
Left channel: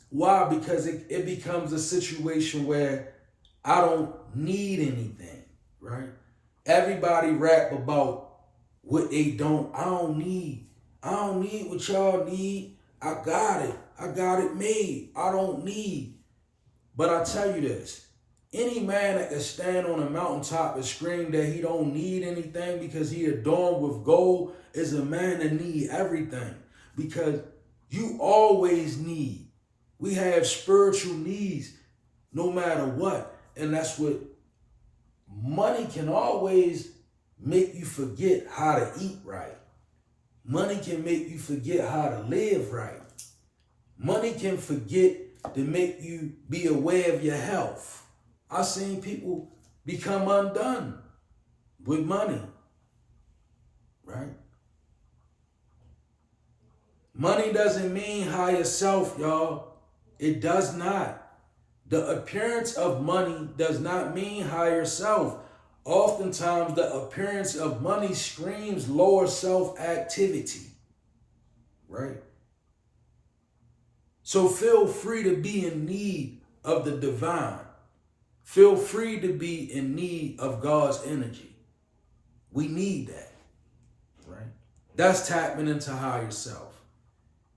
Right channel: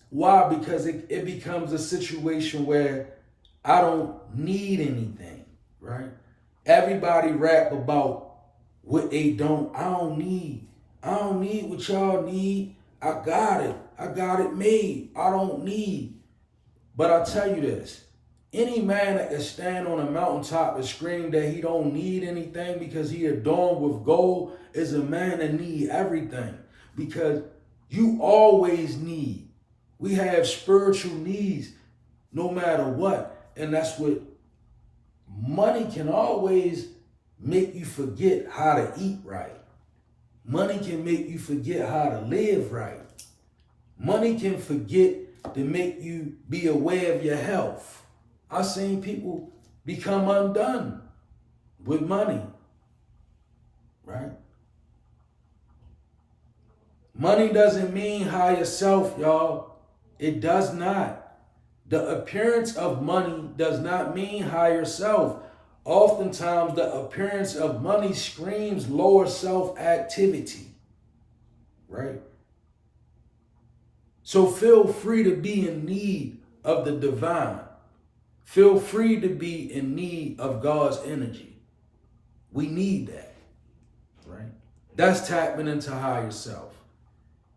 Why? Because it becomes a situation where I don't need anything, right? Everybody rap about what they don't. I don't need. I don't need what y'all need. I got it. I got it made. I don't need. But I tell you this, any man that can stand on a mountaintop and scream that he don't need anything because he adorned with gold is a man that need everything. Because you always need. We have spiritual needs no matter what. And that's what money can always make you forget how to eat right. Money can make you forget how to live right. Money can forget to make you be aware of your health. I've seen people become undone with money, right? Money doesn't mean higher self, y'all. It does not. The appearance of money does not mean higher self. Oftentimes, the appearance of money screams lower self activity, right? So feel free to be in need of the divine. Feel free to be in need of God's energy. We need that, right? That's tapping into higher self.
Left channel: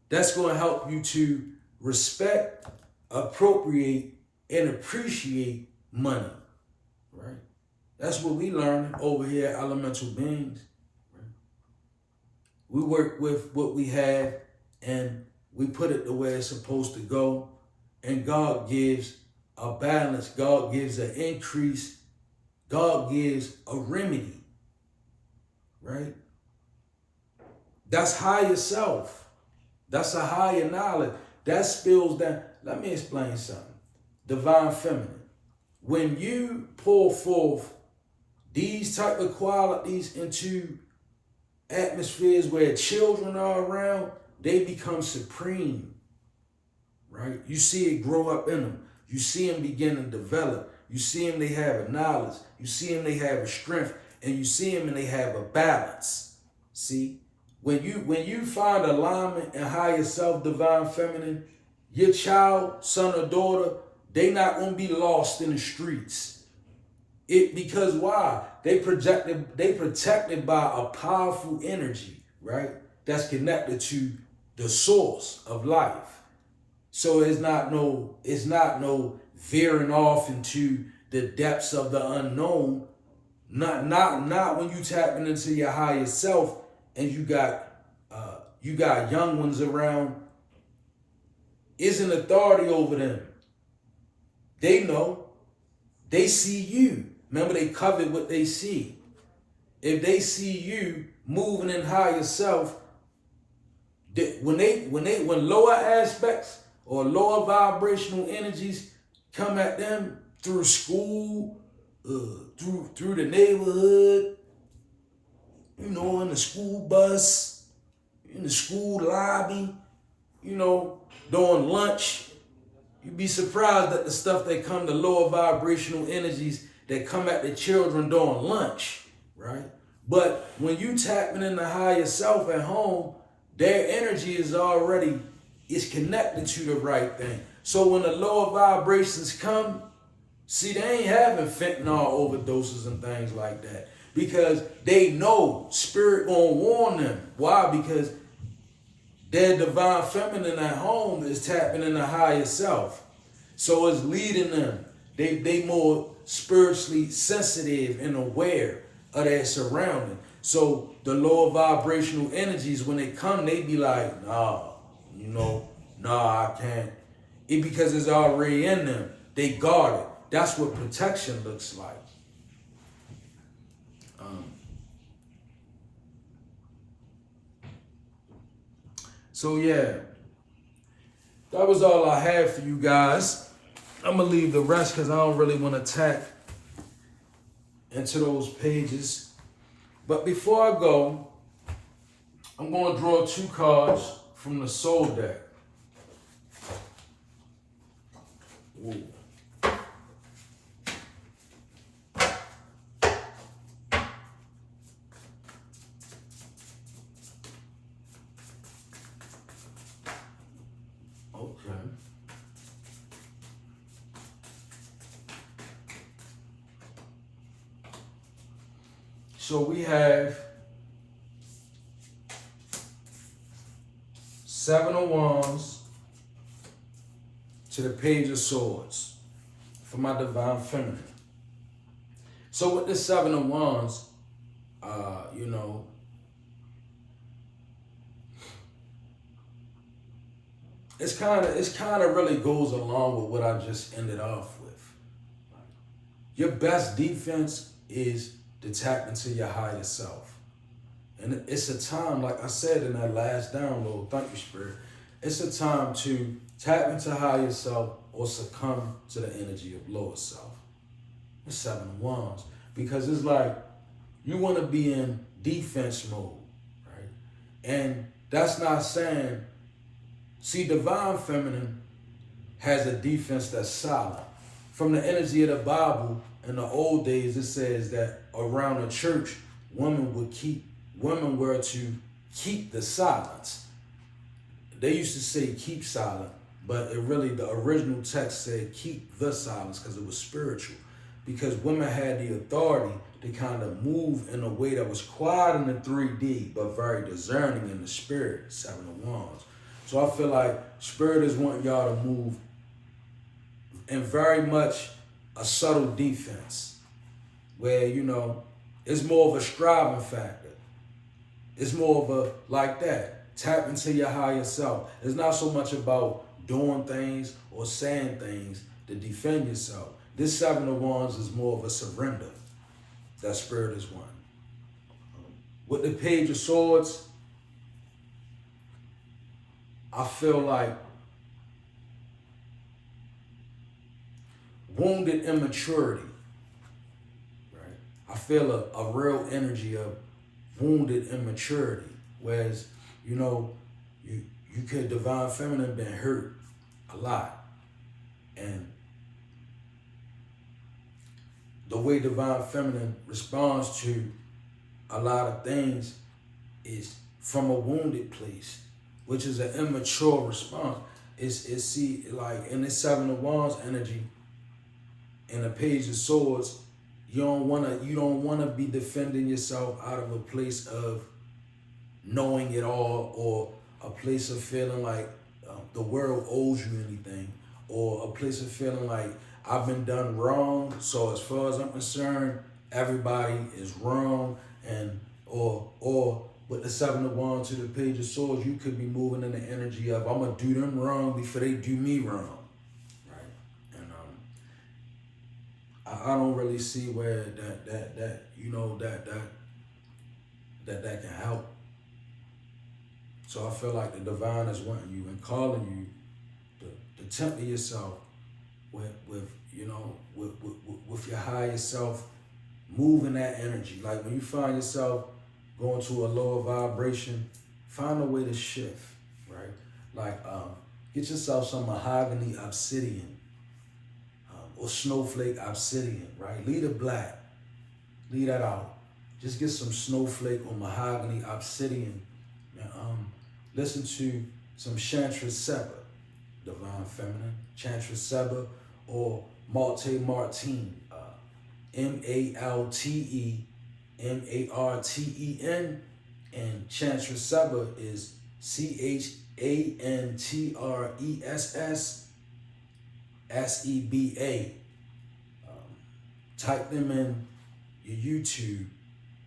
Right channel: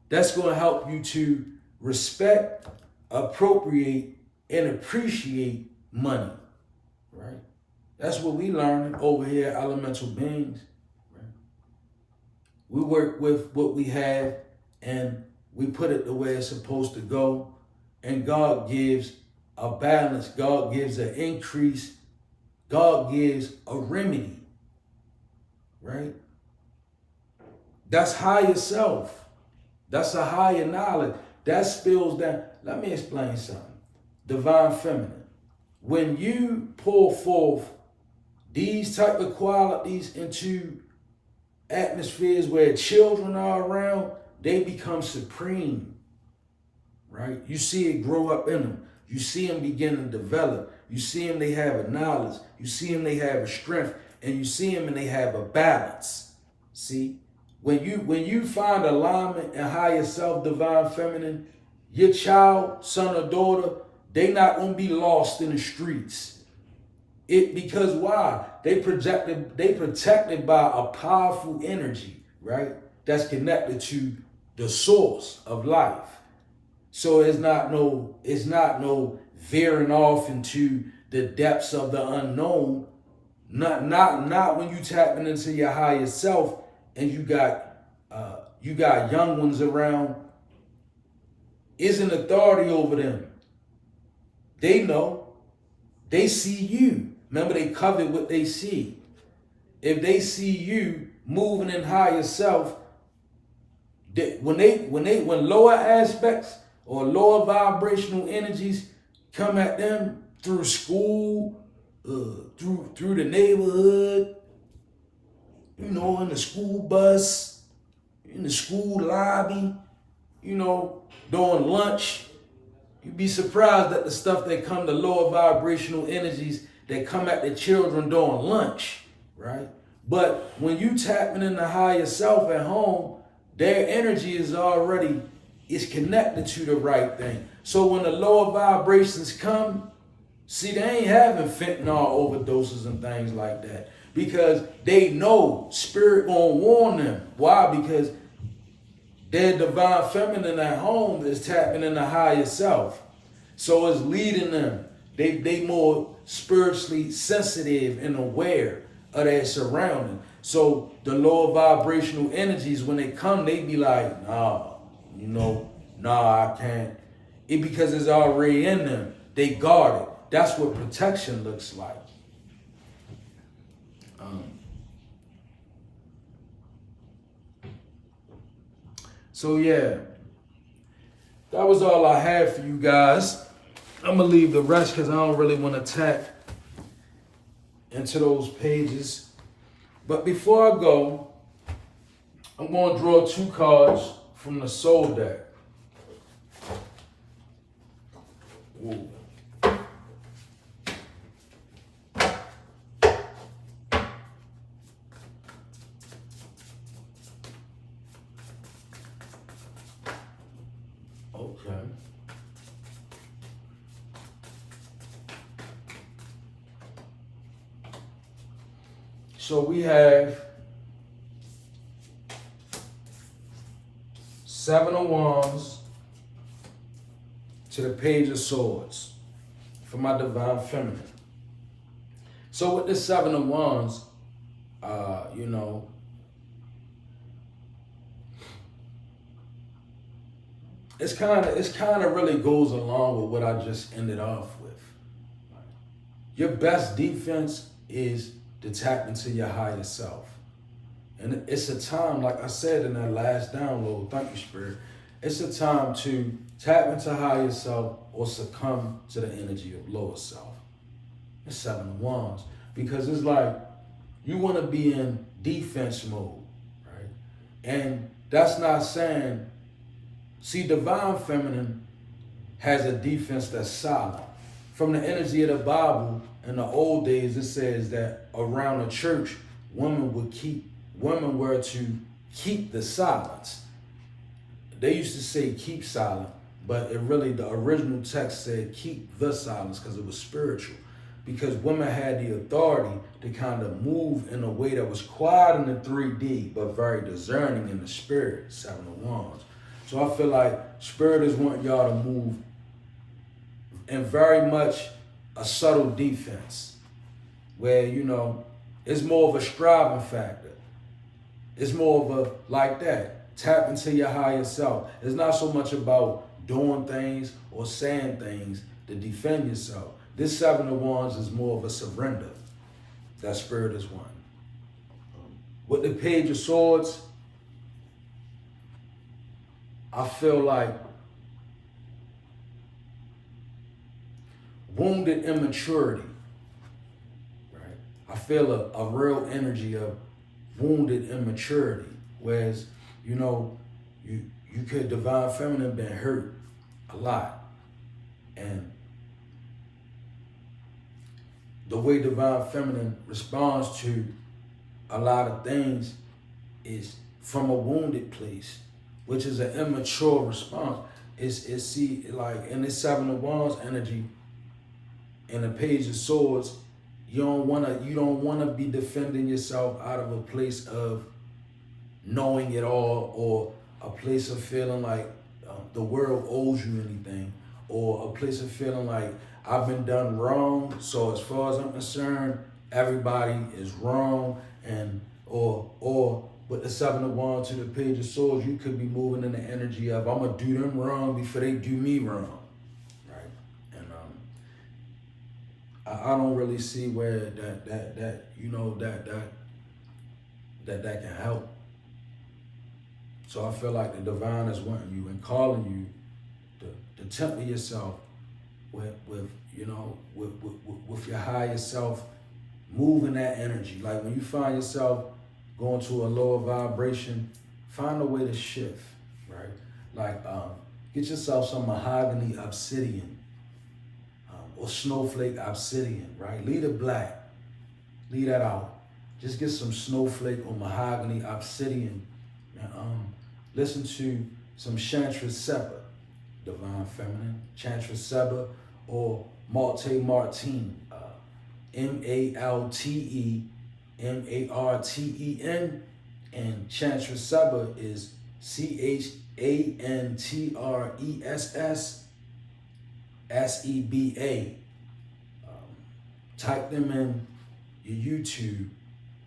That's going to help you to respect, appropriate, and appreciate money, right? That's what we learn over here at Elemental Beings. Right? We work with what we have and we put it the way it's supposed to go. And God gives a balance. God gives an increase. God gives a remedy, right? That's higher self. That's a higher knowledge. That spills down. Let me explain something. Divine feminine. When you pull forth these type of qualities into atmospheres where children are around, they become supreme, right? You see it grow up in them. You see them begin to develop. You see them, they have a knowledge. You see them, they have a strength. And you see them and they have a balance. See? When you find alignment in higher self, divine feminine, your child, son or daughter, they not going to be lost in the streets. Because why? They protected by a powerful energy, right? That's connected to the source of life. So it's not no veering off into the depths of the unknown. Not when you tapping into your higher self and you got young ones around. Isn't authority over them. They know. They see you. Remember, they covet what they see. If they see you moving in higher self, when lower aspects or lower vibrational energies come at them through school, through the neighborhood, in the school bus, in the school lobby, during lunch, you'd be surprised at the stuff that come to lower vibrational energies that come at the children during lunch, right? But when you tapping in the higher self at home, their energy is connected to the right thing. So when the lower vibrations come, see, they ain't having fentanyl overdoses and things like that because they know spirit gonna warn them. Why? Because their divine feminine at home is tapping in the higher self. So it's leading them. They more spiritually sensitive and aware of their surrounding. So the lower vibrational energies, when they come, they be like, nah, I can't. Because it's already in them. They guard it. That's what protection looks like. So yeah, that was all I had for you guys. I'm gonna leave the rest because I don't really want to tap into those pages. But before I go, I'm going to draw 2 cards from the Soul deck. Ooh. Okay. So we have 7 of Wands to the Page of Swords for my Divine Feminine. So with this 7 of Wands, you know, it's kind of really goes along with what I just ended off with. Your best defense is to tap into your higher self. And it's a time, like I said in that last download, thank you, Spirit. It's a time to tap into higher self or succumb to the energy of lower self. It's 7 of Wands. Because it's like you want to be in defense mode, right? And that's not saying, see, Divine Feminine has a defense that's silent. From the energy of the Bible, in the old days, it says that around the church, women were to keep the silence. They used to say keep silent, but the original text said keep the silence because it was spiritual. Because women had the authority to kind of move in a way that was quiet in the 3D, but very discerning in the spirit, 7 of Wands. So I feel like Spirit is wanting y'all to move in very much a subtle defense where, you know, it's more of a striving factor. It's more of a, like that, tap into your higher self. It's not so much about doing things or saying things to defend yourself. This 7 of Wands is more of a surrender that Spirit is wanting. With the Page of Swords, I feel like wounded immaturity, right? I feel a real energy of wounded immaturity. Whereas, you know, you could, Divine Feminine, been hurt a lot. And the way Divine Feminine responds to a lot of things is from a wounded place, which is an immature response. It's see, like in this 7 of Wands energy, in the Page of Swords, you don't wanna be defending yourself out of a place of knowing it all, or a place of feeling like the world owes you anything, or a place of feeling like I've been done wrong. So as far as I'm concerned, everybody is wrong, and or with the 7 of Wands to the Page of Swords, you could be moving in the energy of I'm gonna do them wrong before they do me wrong, right? And I don't really see where that you know that can help. So I feel like the Divine is wanting you and calling you to temper yourself with your higher self, moving that energy. Like when you find yourself going to a lower vibration, find a way to shift, right? Like get yourself some mahogany obsidian or snowflake obsidian, right? Leave the black, leave that out. Just get some snowflake or mahogany obsidian and listen to some Chantra Seba, Divine Feminine, Chantra Seba, or Malte Martin, MalteMarten, and Chantra Seba is ChantressSeba. Type them in your YouTube.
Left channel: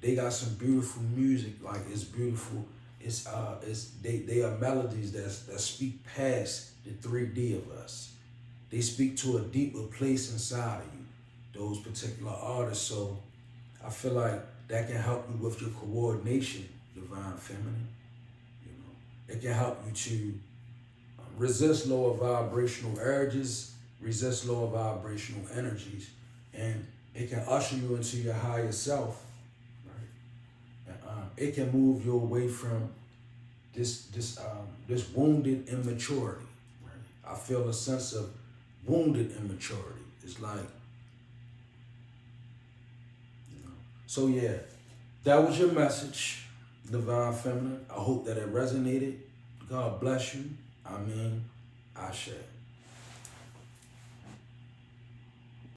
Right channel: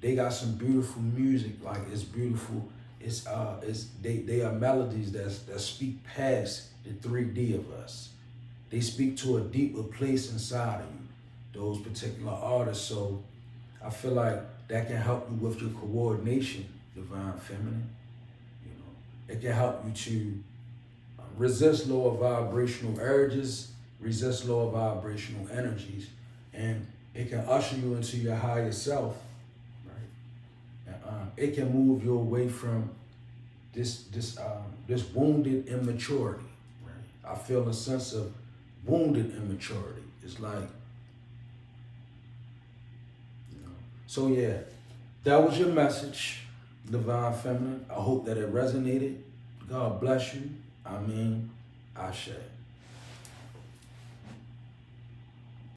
They got some beautiful music. Like, it's beautiful. They are melodies that speak past the 3D of us. They speak to a deeper place inside of you, those particular artists. So I feel like that can help you with your coordination, Divine Feminine. You know, it can help you to resist lower vibrational urges resist lower vibrational energies, and it can usher you into your higher self, right? And, it can move you away from this wounded immaturity, right? I feel a sense of wounded immaturity. It's like, you know. So yeah, that was your message, Divine Feminine. I hope that it resonated. God bless you. I mean, Ashe.